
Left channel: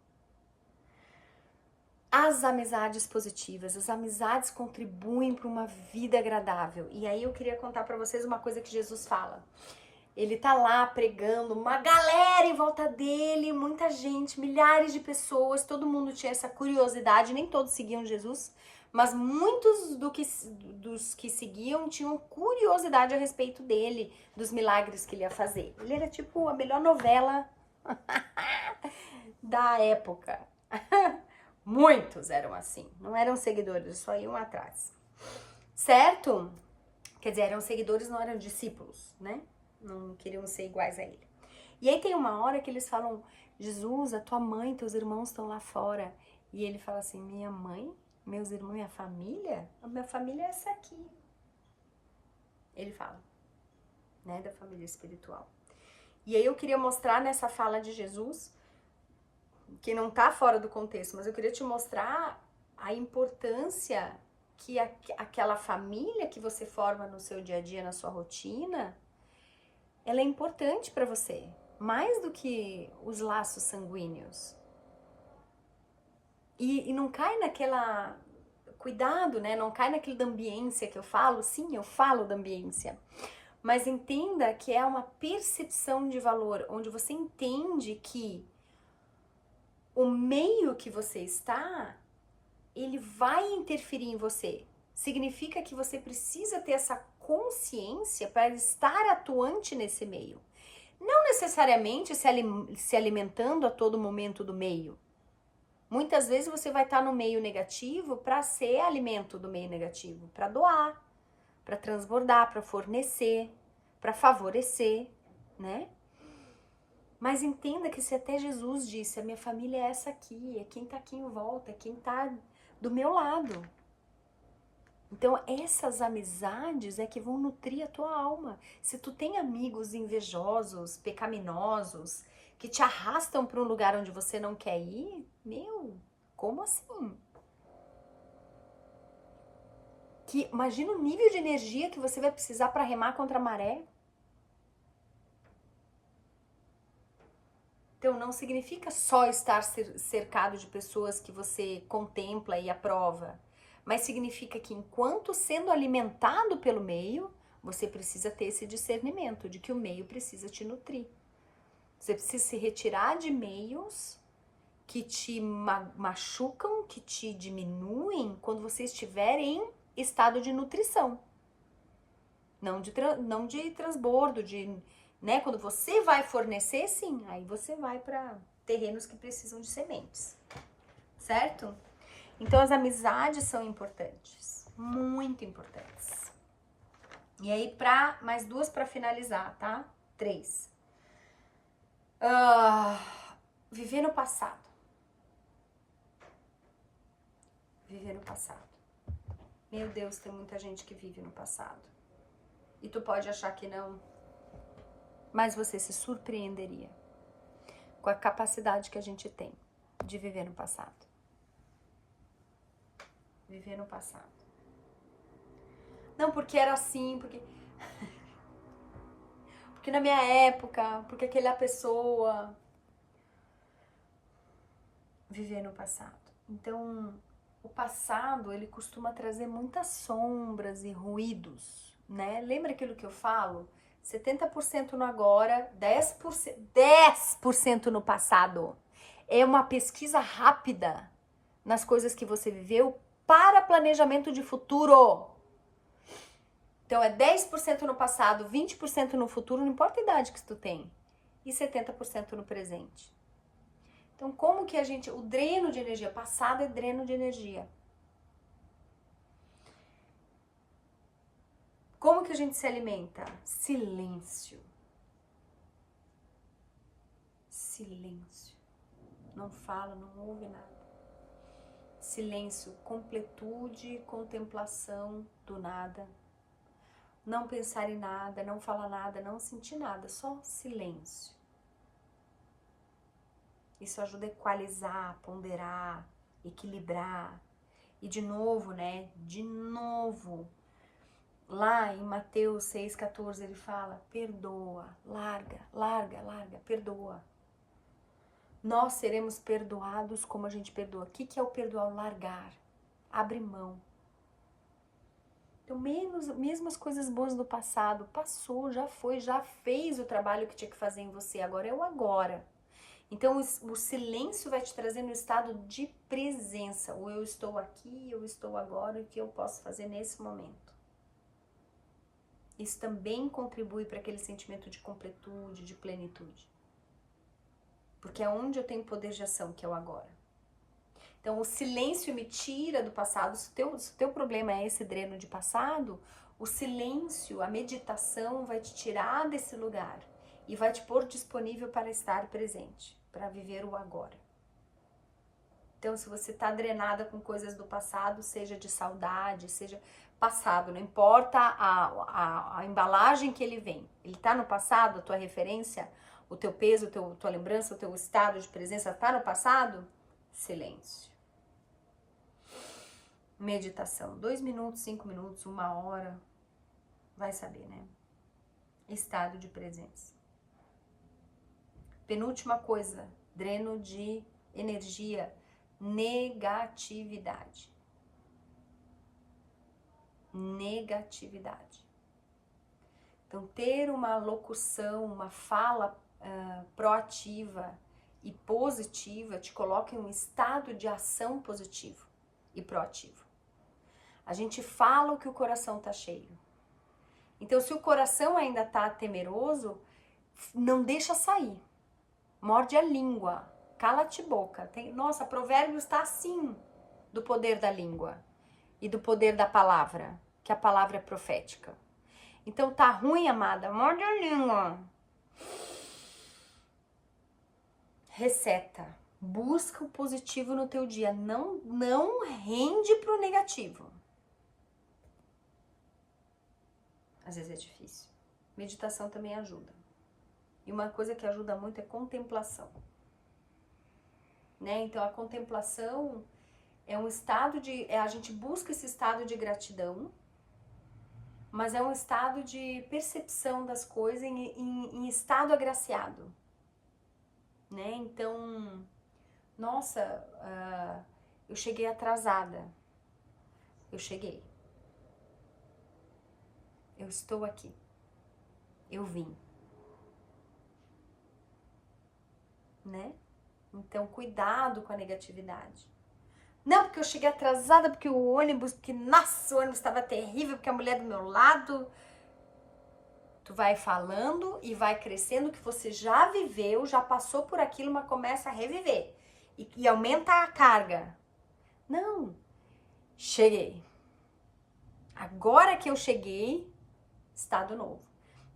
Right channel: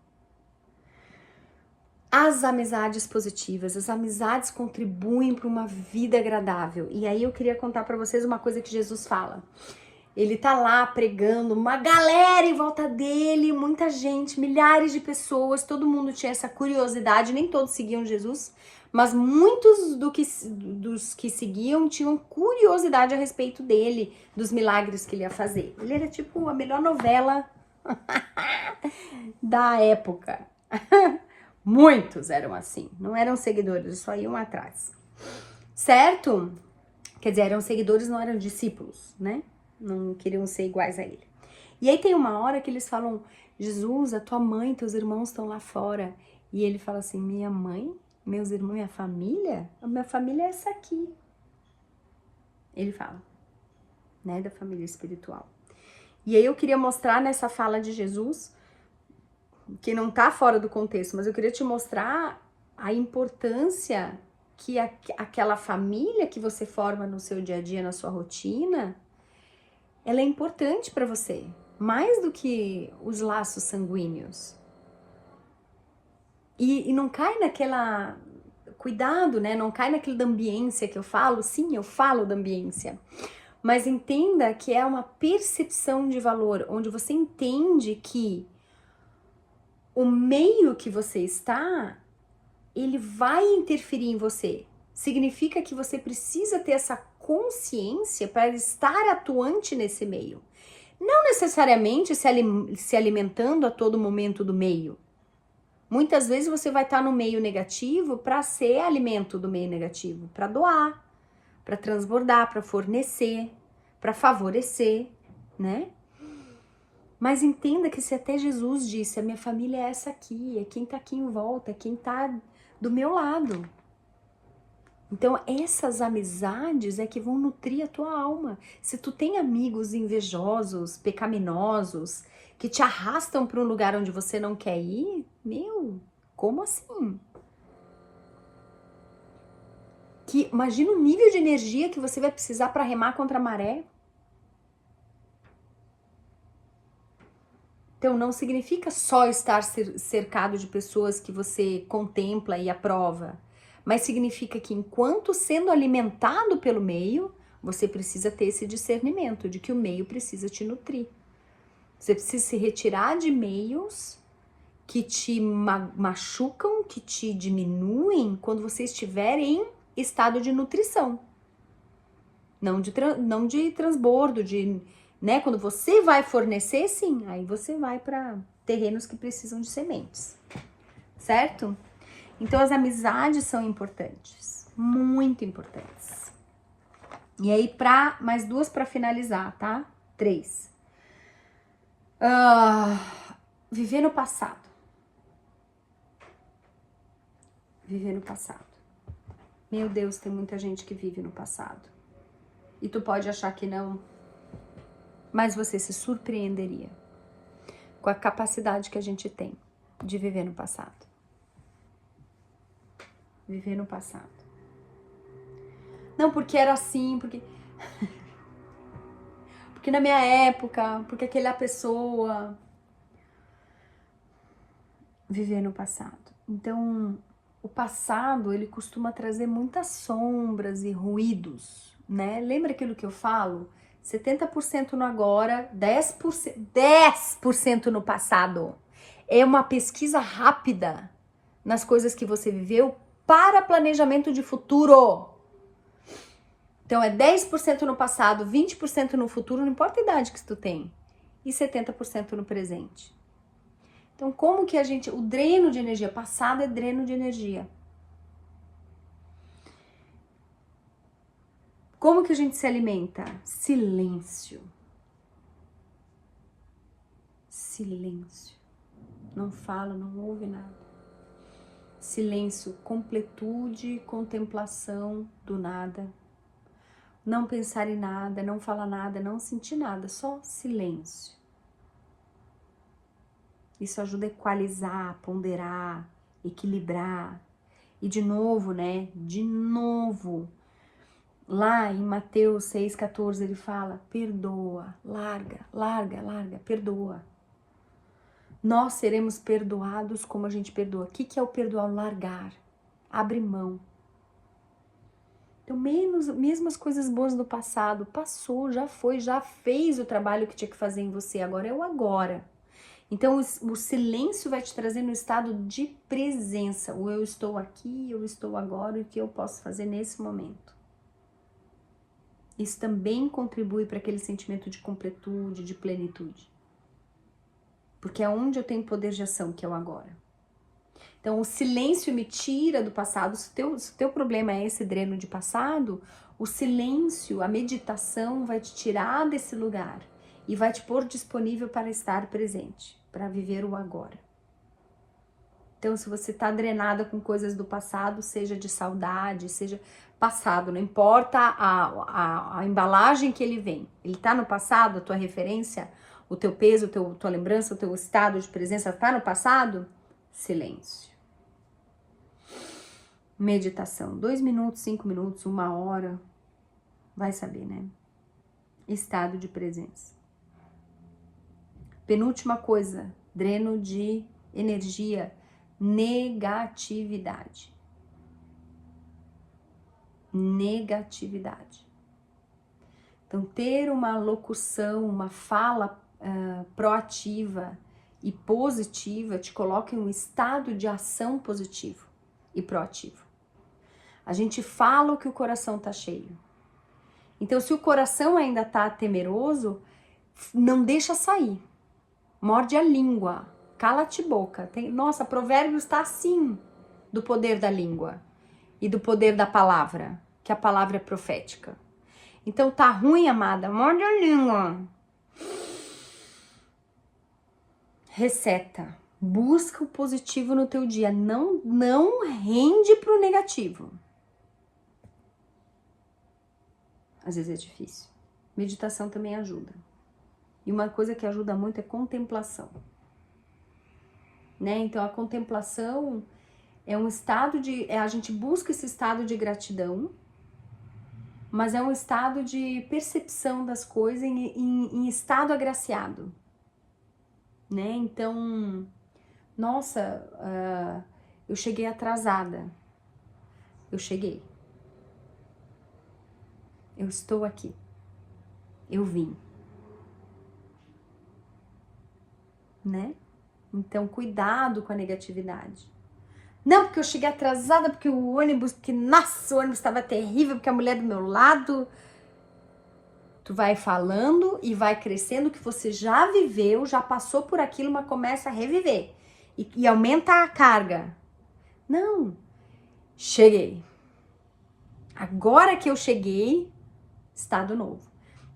As amizades positivas, as amizades contribuem para uma vida agradável. E aí eu queria contar para vocês uma coisa que Jesus fala. Ele tá lá pregando, uma galera em volta dele, muita gente, milhares de pessoas, todo mundo tinha essa curiosidade, nem todos seguiam Jesus, mas muitos dos que seguiam tinham curiosidade a respeito dele, dos milagres que ele ia fazer. Ele era tipo a melhor novela da época. Muitos eram assim, não eram seguidores, só iam atrás. Certo? Quer dizer, eram seguidores, não eram discípulos, né? Não queriam ser iguais a ele. E aí tem uma hora que eles falam, Jesus, a tua mãe, teus irmãos estão lá fora. E ele fala assim, minha mãe Meus irmãos, minha família? A minha família é essa aqui. Ele fala, né, da família espiritual. E aí eu queria mostrar nessa fala de Jesus, que não tá fora do contexto, mas eu queria te mostrar a importância que aquela família que você forma no seu dia a dia, na sua rotina, ela é importante para você, mais do que os laços sanguíneos. E não cai naquela... Cuidado, né? Não cai naquele da ambiência que eu falo. Sim, eu falo da ambiência. Mas entenda que é uma percepção de valor, onde você entende que o meio que você está, ele vai interferir em você. Significa que você precisa ter essa consciência para estar atuante nesse meio. Não necessariamente se alimentando a todo momento do meio. Muitas vezes você vai estar no meio negativo para ser alimento do meio negativo, para doar, para transbordar, para fornecer, para favorecer, né? Mas entenda que se até Jesus disse, a minha família é essa aqui, é quem tá aqui em volta, é quem tá do meu lado. Então essas amizades é que vão nutrir a tua alma. Se tu tem amigos invejosos, pecaminosos, que te arrastam para um lugar onde você não quer ir, meu, como assim? Imagina o nível de energia que você vai precisar para remar contra a maré. Então não significa só estar cercado de pessoas que você contempla e aprova, mas significa que enquanto sendo alimentado pelo meio, você precisa ter esse discernimento de que o meio precisa te nutrir. Você precisa se retirar de meios que te machucam, que te diminuem quando você estiver em estado de nutrição. Não de transbordo, né? Quando você vai fornecer, sim, aí você vai para terrenos que precisam de sementes, certo? Então as amizades são importantes, muito importantes. E aí, mais duas para finalizar, tá? 3. Viver no passado. Viver no passado. Meu Deus, tem muita gente que vive no passado. E tu pode achar que não, mas você se surpreenderia com a capacidade que a gente tem de viver no passado. Viver no passado. Não, porque era assim, porque na minha época, porque aquela pessoa... Viver no passado. Então, o passado, ele costuma trazer muitas sombras e ruídos, né? Lembra aquilo que eu falo? 70% no agora, 10% no passado. É uma pesquisa rápida nas coisas que você viveu para planejamento de futuro. Então, é 10% no passado, 20% no futuro, não importa a idade que tu tem, e 70% no presente. Então, como que o dreno de energia, passado é dreno de energia. Como que a gente se alimenta? Silêncio. Silêncio. Não fala, não ouve nada. Silêncio, completude, contemplação do nada. Não pensar em nada, não falar nada, não sentir nada, só silêncio. Isso ajuda a equalizar, ponderar, equilibrar. E de novo, né? De novo, lá em Mateus 6,14 ele fala, perdoa, larga, larga, larga, perdoa. Nós seremos perdoados como a gente perdoa. O que é o perdoar? Largar, abre mão. Então, mesmo as coisas boas do passado, passou, já foi, já fez o trabalho que tinha que fazer em você, agora é o agora. Então, o silêncio vai te trazer no estado de presença. O eu estou aqui, eu estou agora, o que eu posso fazer nesse momento. Isso também contribui para aquele sentimento de completude, de plenitude. Porque é onde eu tenho poder de ação, que é o agora. Então, o silêncio me tira do passado. Se o teu problema é esse dreno de passado, o silêncio, a meditação vai te tirar desse lugar e vai te pôr disponível para estar presente, para viver o agora. Então, se você tá drenada com coisas do passado, seja de saudade, seja passado, não importa a embalagem que ele vem. Ele tá no passado, a tua referência, o teu peso, tua lembrança, o teu estado de presença tá no passado? Silêncio. Meditação, 2 minutos, 5 minutos, 1 hora, vai saber, né? Estado de presença. Penúltima coisa, dreno de energia, negatividade. Negatividade. Então, ter uma locução, uma fala proativa e positiva te coloca em um estado de ação positivo e proativo. A gente fala o que o coração tá cheio. Então, se o coração ainda tá temeroso, não deixa sair. Morde a língua, cala-te boca. Nossa, Provérbios está assim do poder da língua e do poder da palavra, que a palavra é profética. Então, tá ruim, amada? Morde a língua. Reseta. Busca o positivo no teu dia. Não rende pro negativo. Às vezes é difícil. Meditação também ajuda. E uma coisa que ajuda muito é contemplação. Né? Então, a contemplação é um estado de... a gente busca esse estado de gratidão, mas é um estado de percepção das coisas em estado agraciado. Né? Então, nossa, eu cheguei atrasada. Eu cheguei. Eu estou aqui. Eu vim. Né? Então, cuidado com a negatividade. Não, porque eu cheguei atrasada, porque o ônibus, nossa, o ônibus estava terrível, porque a mulher do meu lado... Tu vai falando e vai crescendo que você já viveu, já passou por aquilo, mas começa a reviver. E aumenta a carga. Não. Cheguei. Agora que eu cheguei, estado novo.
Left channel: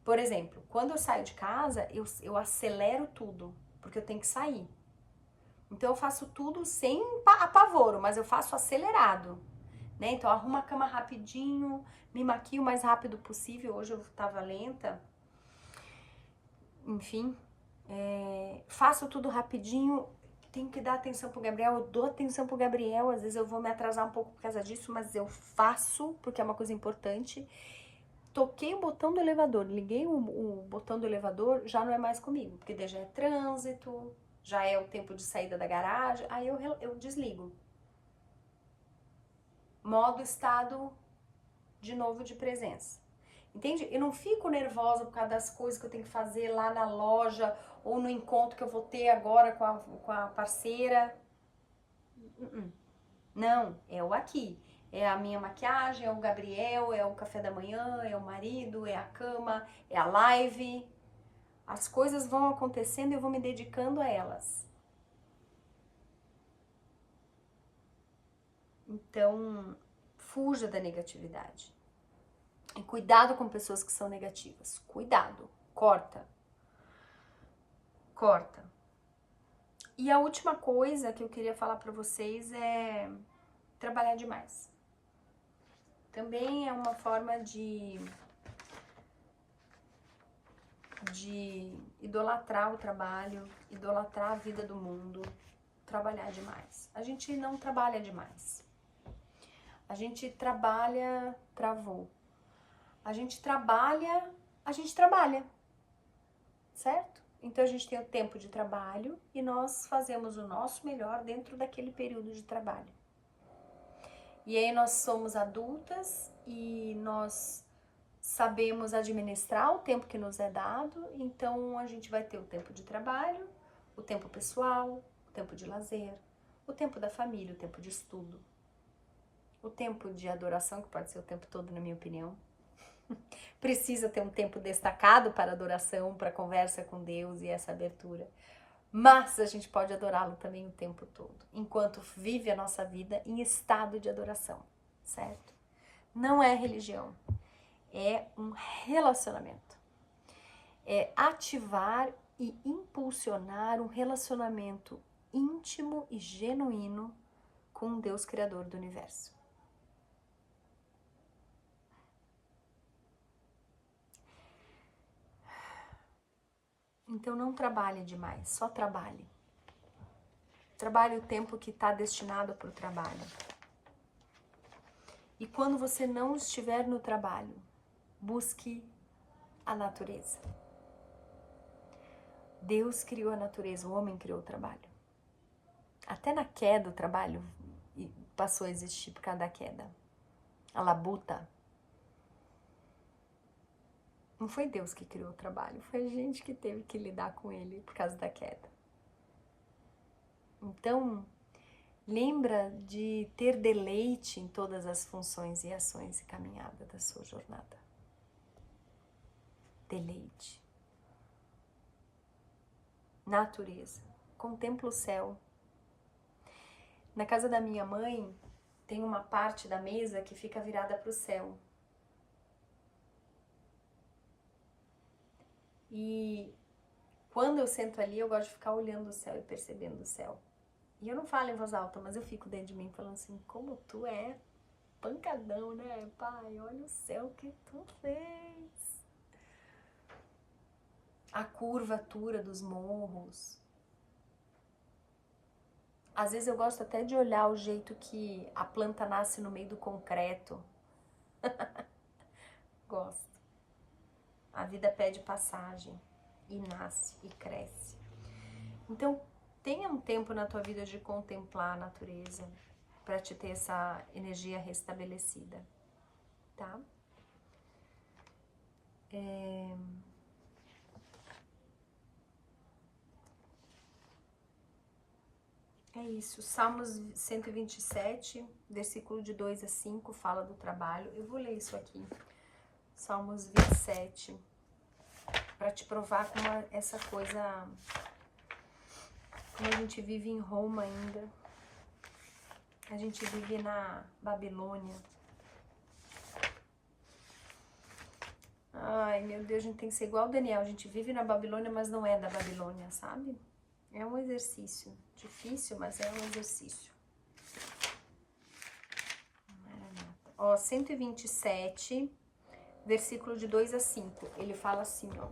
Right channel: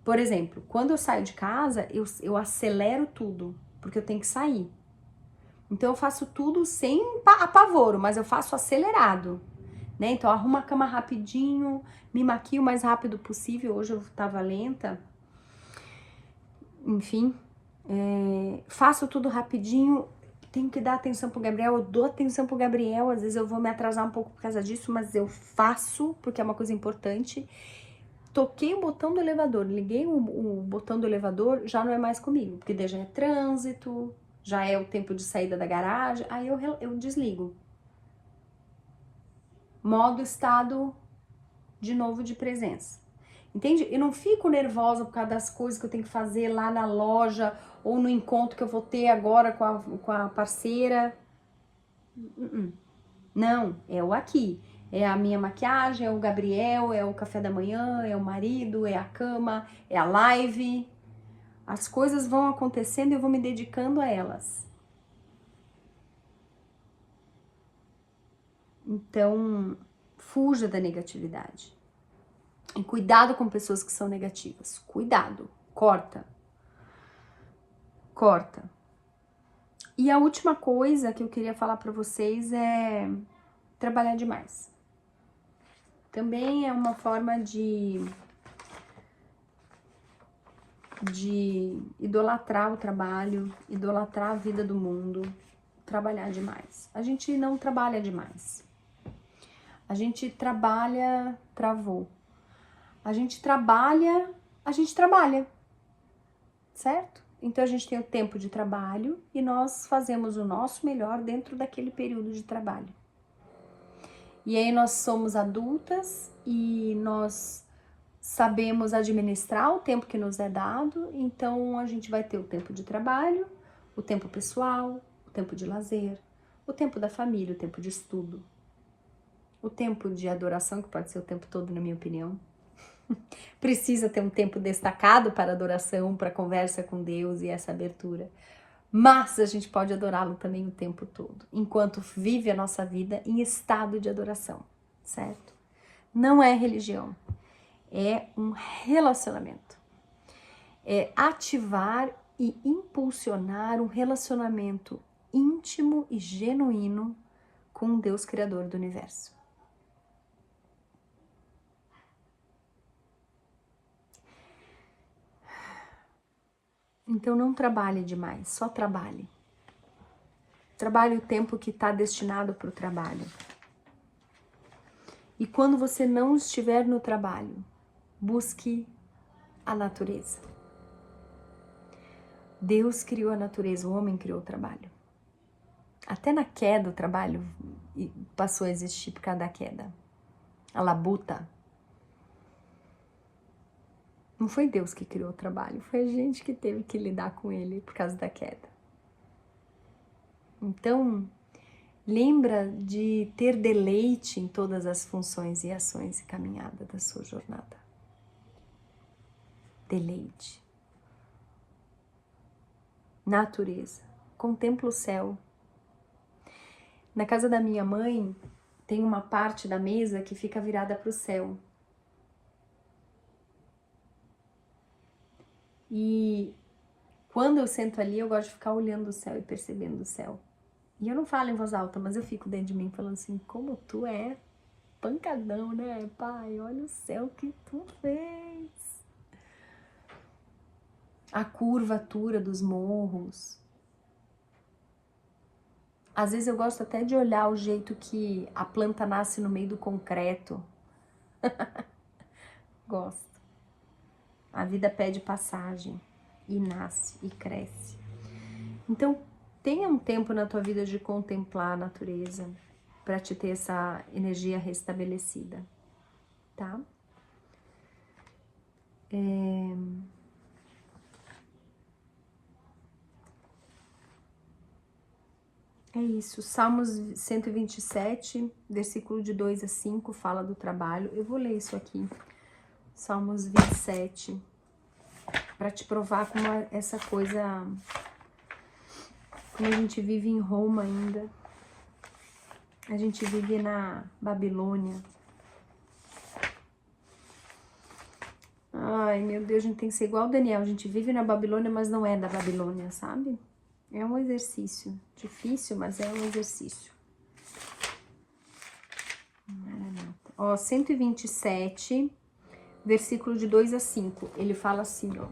Por exemplo, quando eu saio de casa, eu acelero tudo, porque eu tenho que sair. Então eu faço tudo sem apavoro, mas eu faço acelerado. Né? Então eu arrumo a cama rapidinho, me maquio o mais rápido possível. Hoje eu tava lenta. Enfim, faço tudo rapidinho. Tenho que dar atenção pro Gabriel, eu dou atenção pro Gabriel. Às vezes eu vou me atrasar um pouco por causa disso, mas eu faço, porque é uma coisa importante. Toquei o botão do elevador, liguei o botão do elevador, já não é mais comigo, porque daí já é trânsito, já é o tempo de saída da garagem, aí eu desligo. Modo estado de novo de presença. Entende? Eu não fico nervosa por causa das coisas que eu tenho que fazer lá na loja ou no encontro que eu vou ter agora com a parceira. Não, é o aqui. É a minha maquiagem, é o Gabriel, é o café da manhã, é o marido, é a cama, é a live. As coisas vão acontecendo e eu vou me dedicando a elas. Então, fuja da negatividade. E cuidado com pessoas que são negativas. Cuidado. Corta. Corta. E a última coisa que eu queria falar pra vocês é trabalhar demais. Também é uma forma de idolatrar o trabalho, idolatrar a vida do mundo, trabalhar demais. A gente não trabalha demais. A gente trabalha, travou. A gente trabalha, certo? Então a gente tem o tempo de trabalho e nós fazemos o nosso melhor dentro daquele período de trabalho. E aí nós somos adultas e nós sabemos administrar o tempo que nos é dado, então a gente vai ter o tempo de trabalho, o tempo pessoal, o tempo de lazer, o tempo da família, o tempo de estudo, o tempo de adoração, que pode ser o tempo todo, na minha opinião. Precisa ter um tempo destacado para adoração, para conversa com Deus e essa abertura. Mas a gente pode adorá-lo também o tempo todo, enquanto vive a nossa vida em estado de adoração, certo? Não é religião, é um relacionamento. É ativar e impulsionar um relacionamento íntimo e genuíno com o Deus Criador do Universo. Então não trabalhe demais, só trabalhe. Trabalhe o tempo que está destinado para o trabalho. E quando você não estiver no trabalho, busque a natureza. Deus criou a natureza, o homem criou o trabalho. Até na queda o trabalho passou a existir por causa da queda. A labuta. Não foi Deus que criou o trabalho, foi a gente que teve que lidar com ele por causa da queda. Então, lembra de ter deleite em todas as funções e ações e caminhada da sua jornada. Deleite. Natureza. Contempla o céu. Na casa da minha mãe, tem uma parte da mesa que fica virada para o céu. E quando eu sento ali, eu gosto de ficar olhando o céu e percebendo o céu. E eu não falo em voz alta, mas eu fico dentro de mim falando assim, como tu é pancadão, né, pai? Olha o céu que tu fez. A curvatura dos morros. Às vezes eu gosto até de olhar o jeito que a planta nasce no meio do concreto. Gosto. A vida pede passagem e nasce e cresce. Então, tenha um tempo na tua vida de contemplar a natureza para te ter essa energia restabelecida, tá? É isso. Salmos 127, versículo de 2 a 5, fala do trabalho. Eu vou ler isso aqui. Salmos 27, para te provar como essa coisa, como a gente vive em Roma ainda. A gente vive na Babilônia. Ai, meu Deus, a gente tem que ser igual o Daniel. A gente vive na Babilônia, mas não é da Babilônia, sabe? É um exercício. Difícil, mas é um exercício. Ó, 127, versículo de 2 a 5. Ele fala assim, ó.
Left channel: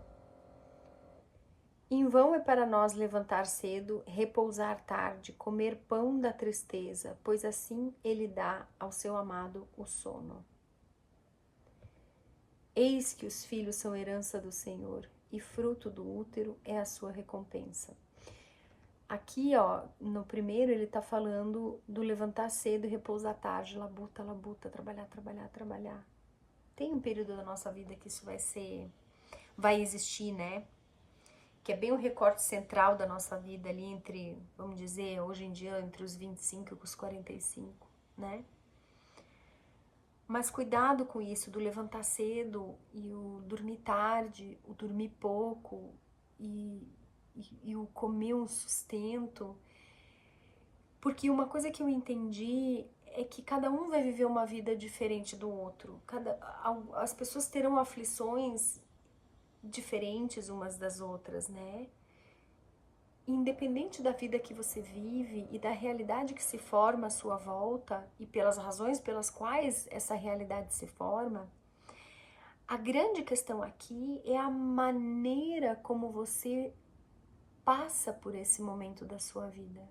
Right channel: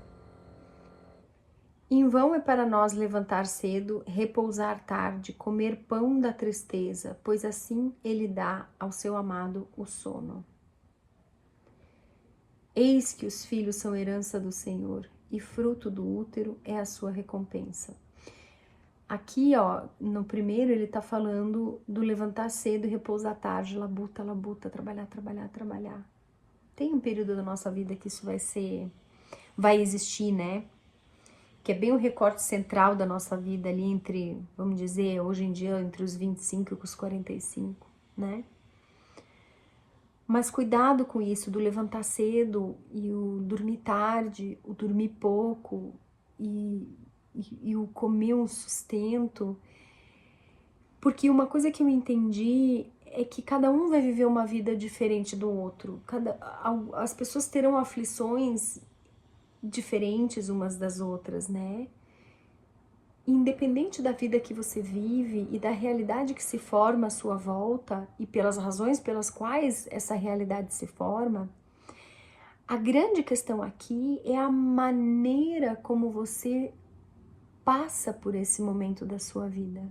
Em vão é para nós levantar cedo, repousar tarde, comer pão da tristeza, pois assim ele dá ao seu amado o sono. Eis que os filhos são herança do Senhor, e fruto do útero é a sua recompensa. Aqui, ó, no primeiro ele tá falando do levantar cedo e repousar tarde, labuta, labuta, trabalhar, trabalhar, trabalhar. Tem um período da nossa vida que isso vai existir, né? Que é bem o recorte central da nossa vida ali entre, vamos dizer, hoje em dia, entre os 25 e os 45, né? Mas cuidado com isso, do levantar cedo e o dormir tarde, o dormir pouco e o comer um sustento. Porque uma coisa que eu entendi é que cada um vai viver uma vida diferente do outro. As pessoas terão aflições diferentes umas das outras, né? Independente da vida que você vive e da realidade que se forma à sua volta e pelas razões pelas quais essa realidade se forma, a grande questão aqui é a maneira como você passa por esse momento da sua vida.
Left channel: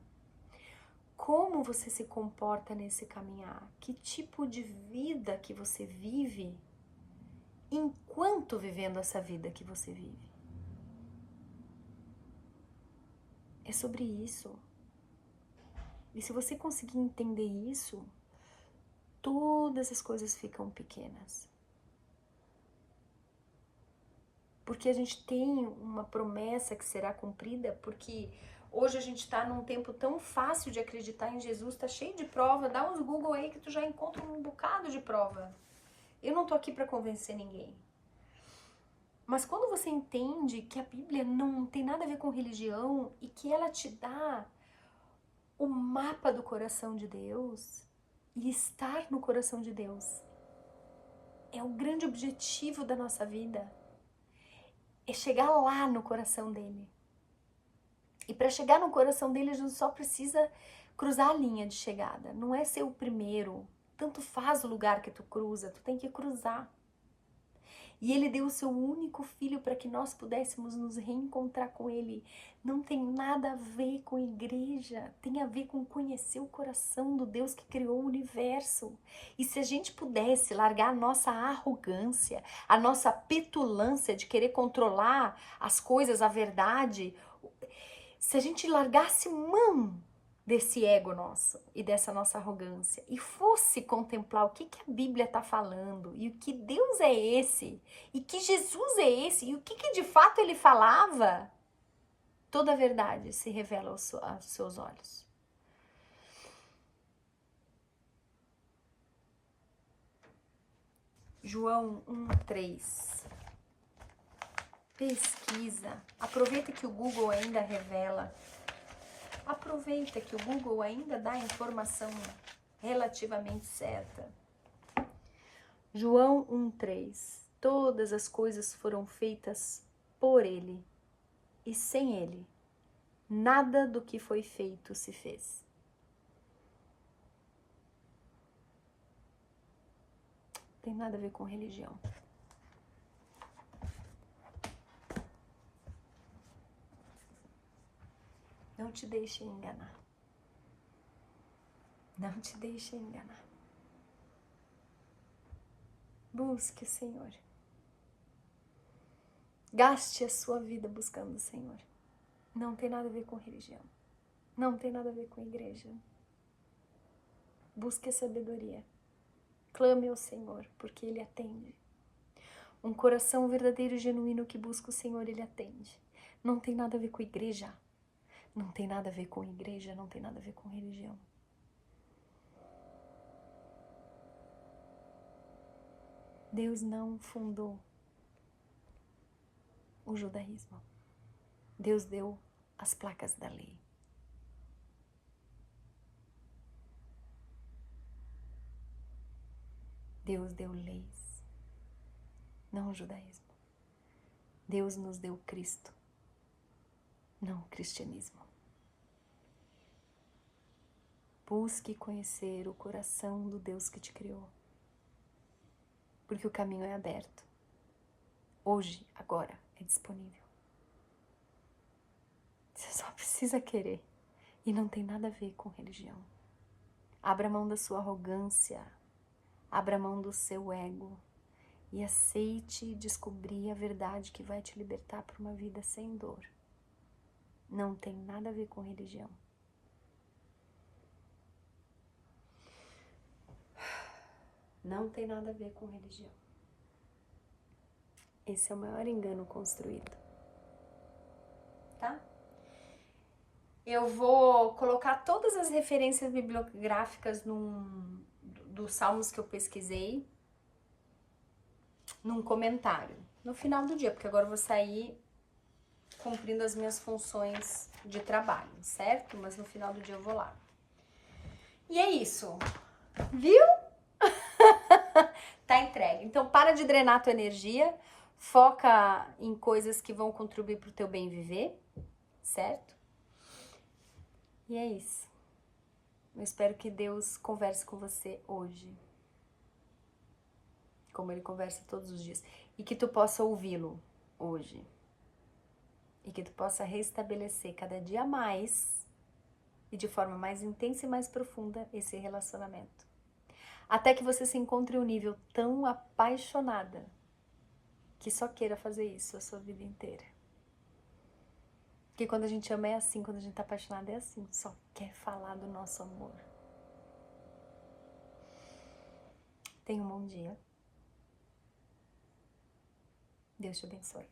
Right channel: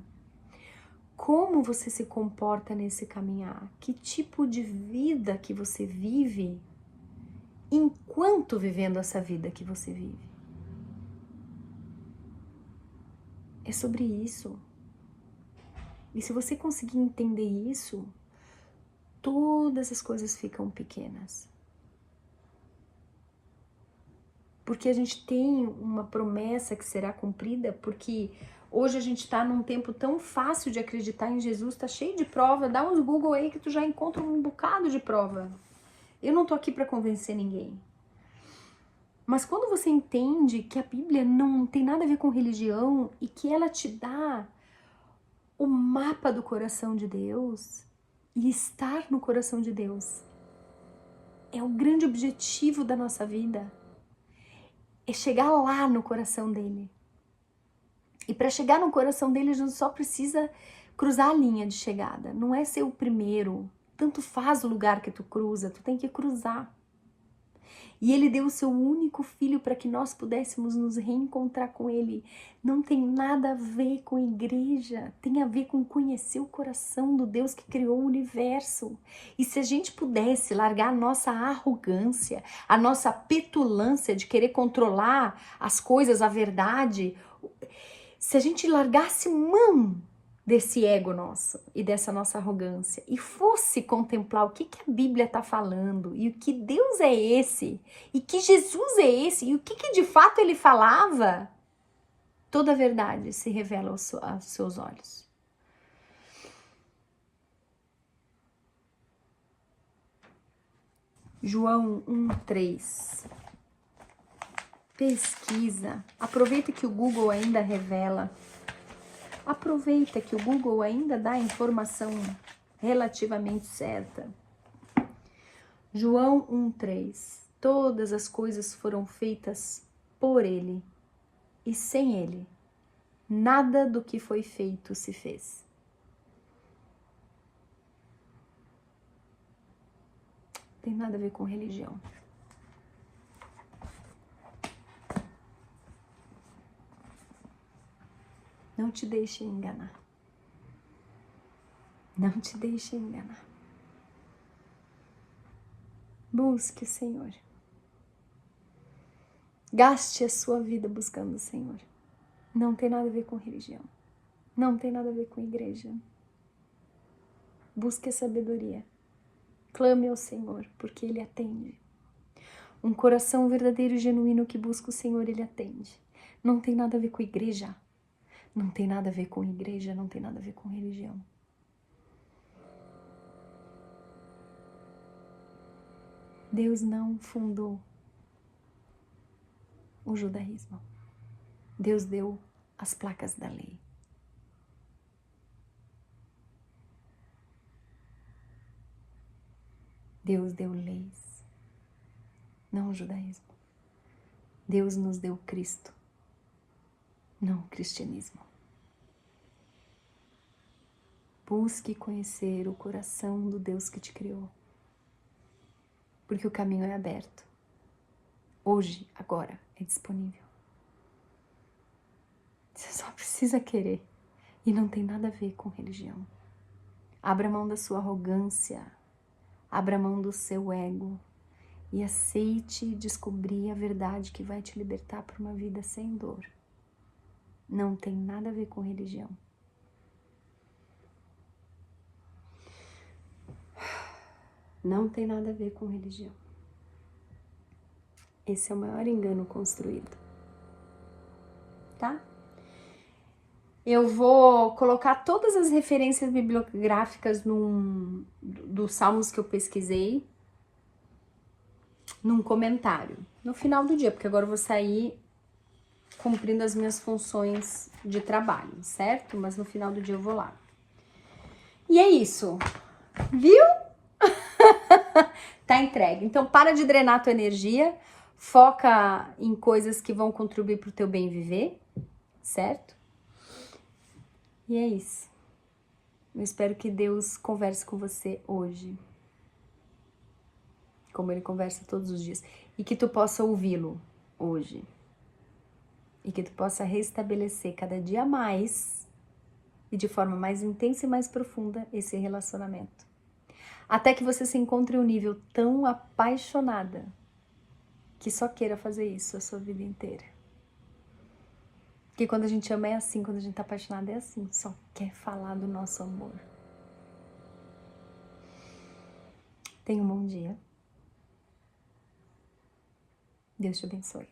Como você se comporta nesse caminhar? Que tipo de vida que você vive enquanto vivendo essa vida que você vive? É sobre isso. E se você conseguir entender isso, todas as coisas ficam pequenas. Porque a gente tem uma promessa que será cumprida, porque hoje a gente está num tempo tão fácil de acreditar em Jesus, tá cheio de prova, dá uns Google aí que tu já encontra um bocado de prova. Eu não tô aqui para convencer ninguém. Mas quando você entende que a Bíblia não tem nada a ver com religião e que ela te dá o mapa do coração de Deus, e estar no coração de Deus é o grande objetivo da nossa vida, é chegar lá no coração dele. E para chegar no coração dele, a gente só precisa cruzar a linha de chegada, não é ser o primeiro. Tanto faz o lugar que tu cruza, tu tem que cruzar. E ele deu o seu único filho para que nós pudéssemos nos reencontrar com ele. Não tem nada a ver com igreja, tem a ver com conhecer o coração do Deus que criou o universo. E se a gente pudesse largar a nossa arrogância, a nossa petulância de querer controlar as coisas, a verdade, se a gente largasse mão desse ego nosso e dessa nossa arrogância e fosse contemplar o que a Bíblia está falando e o que Deus é esse e que Jesus é esse e o que de fato ele falava, toda a verdade se revela aos seus olhos. João 1:3. Pesquisa. Aproveita que o Google ainda revela. Aproveita que o Google ainda dá a informação relativamente certa. João 1:3. Todas as coisas foram feitas por ele, e sem ele, nada do que foi feito se fez. Não tem nada a ver com religião. Não te deixe enganar. Não te deixe enganar. Busque o Senhor. Gaste a sua vida buscando o Senhor. Não tem nada a ver com religião. Não tem nada a ver com igreja. Busque a sabedoria. Clame ao Senhor, porque Ele atende. Um coração verdadeiro e genuíno que busca o Senhor, Ele atende. Não tem nada a ver com igreja. Não tem nada a ver com igreja, não tem nada a ver com religião. Deus não fundou o judaísmo. Deus deu as placas da lei. Deus deu leis, não o judaísmo. Deus nos deu Cristo, não o cristianismo. Busque conhecer o coração do Deus que te criou, porque o caminho é aberto. Hoje, agora, é disponível. Você só precisa querer, e não tem nada a ver com religião. Abra mão da sua arrogância, abra mão do seu ego e aceite descobrir a verdade que vai te libertar para uma vida sem dor. Não tem nada a ver com religião. Não tem nada a ver com religião. Esse é o maior engano construído. Tá? Eu vou colocar todas as referências bibliográficas dos salmos que eu pesquisei num comentário no final do dia, porque agora eu vou sair cumprindo as minhas funções de trabalho, certo? Mas no final do dia eu vou lá. E é isso. Viu? Tá entregue. Então para de drenar a tua energia, foca em coisas que vão contribuir pro teu bem viver, certo? E é isso. Eu espero que Deus converse com você hoje, como Ele conversa todos os dias, e que tu possa ouvi-lo hoje, e que tu possa restabelecer cada dia mais e de forma mais intensa e mais profunda esse relacionamento. Até que você se encontre em um nível tão apaixonada que só queira fazer isso a sua vida inteira. Porque quando a gente ama é assim, quando a gente tá apaixonada é assim, só quer falar do nosso amor. Tenha um bom dia. Deus te abençoe.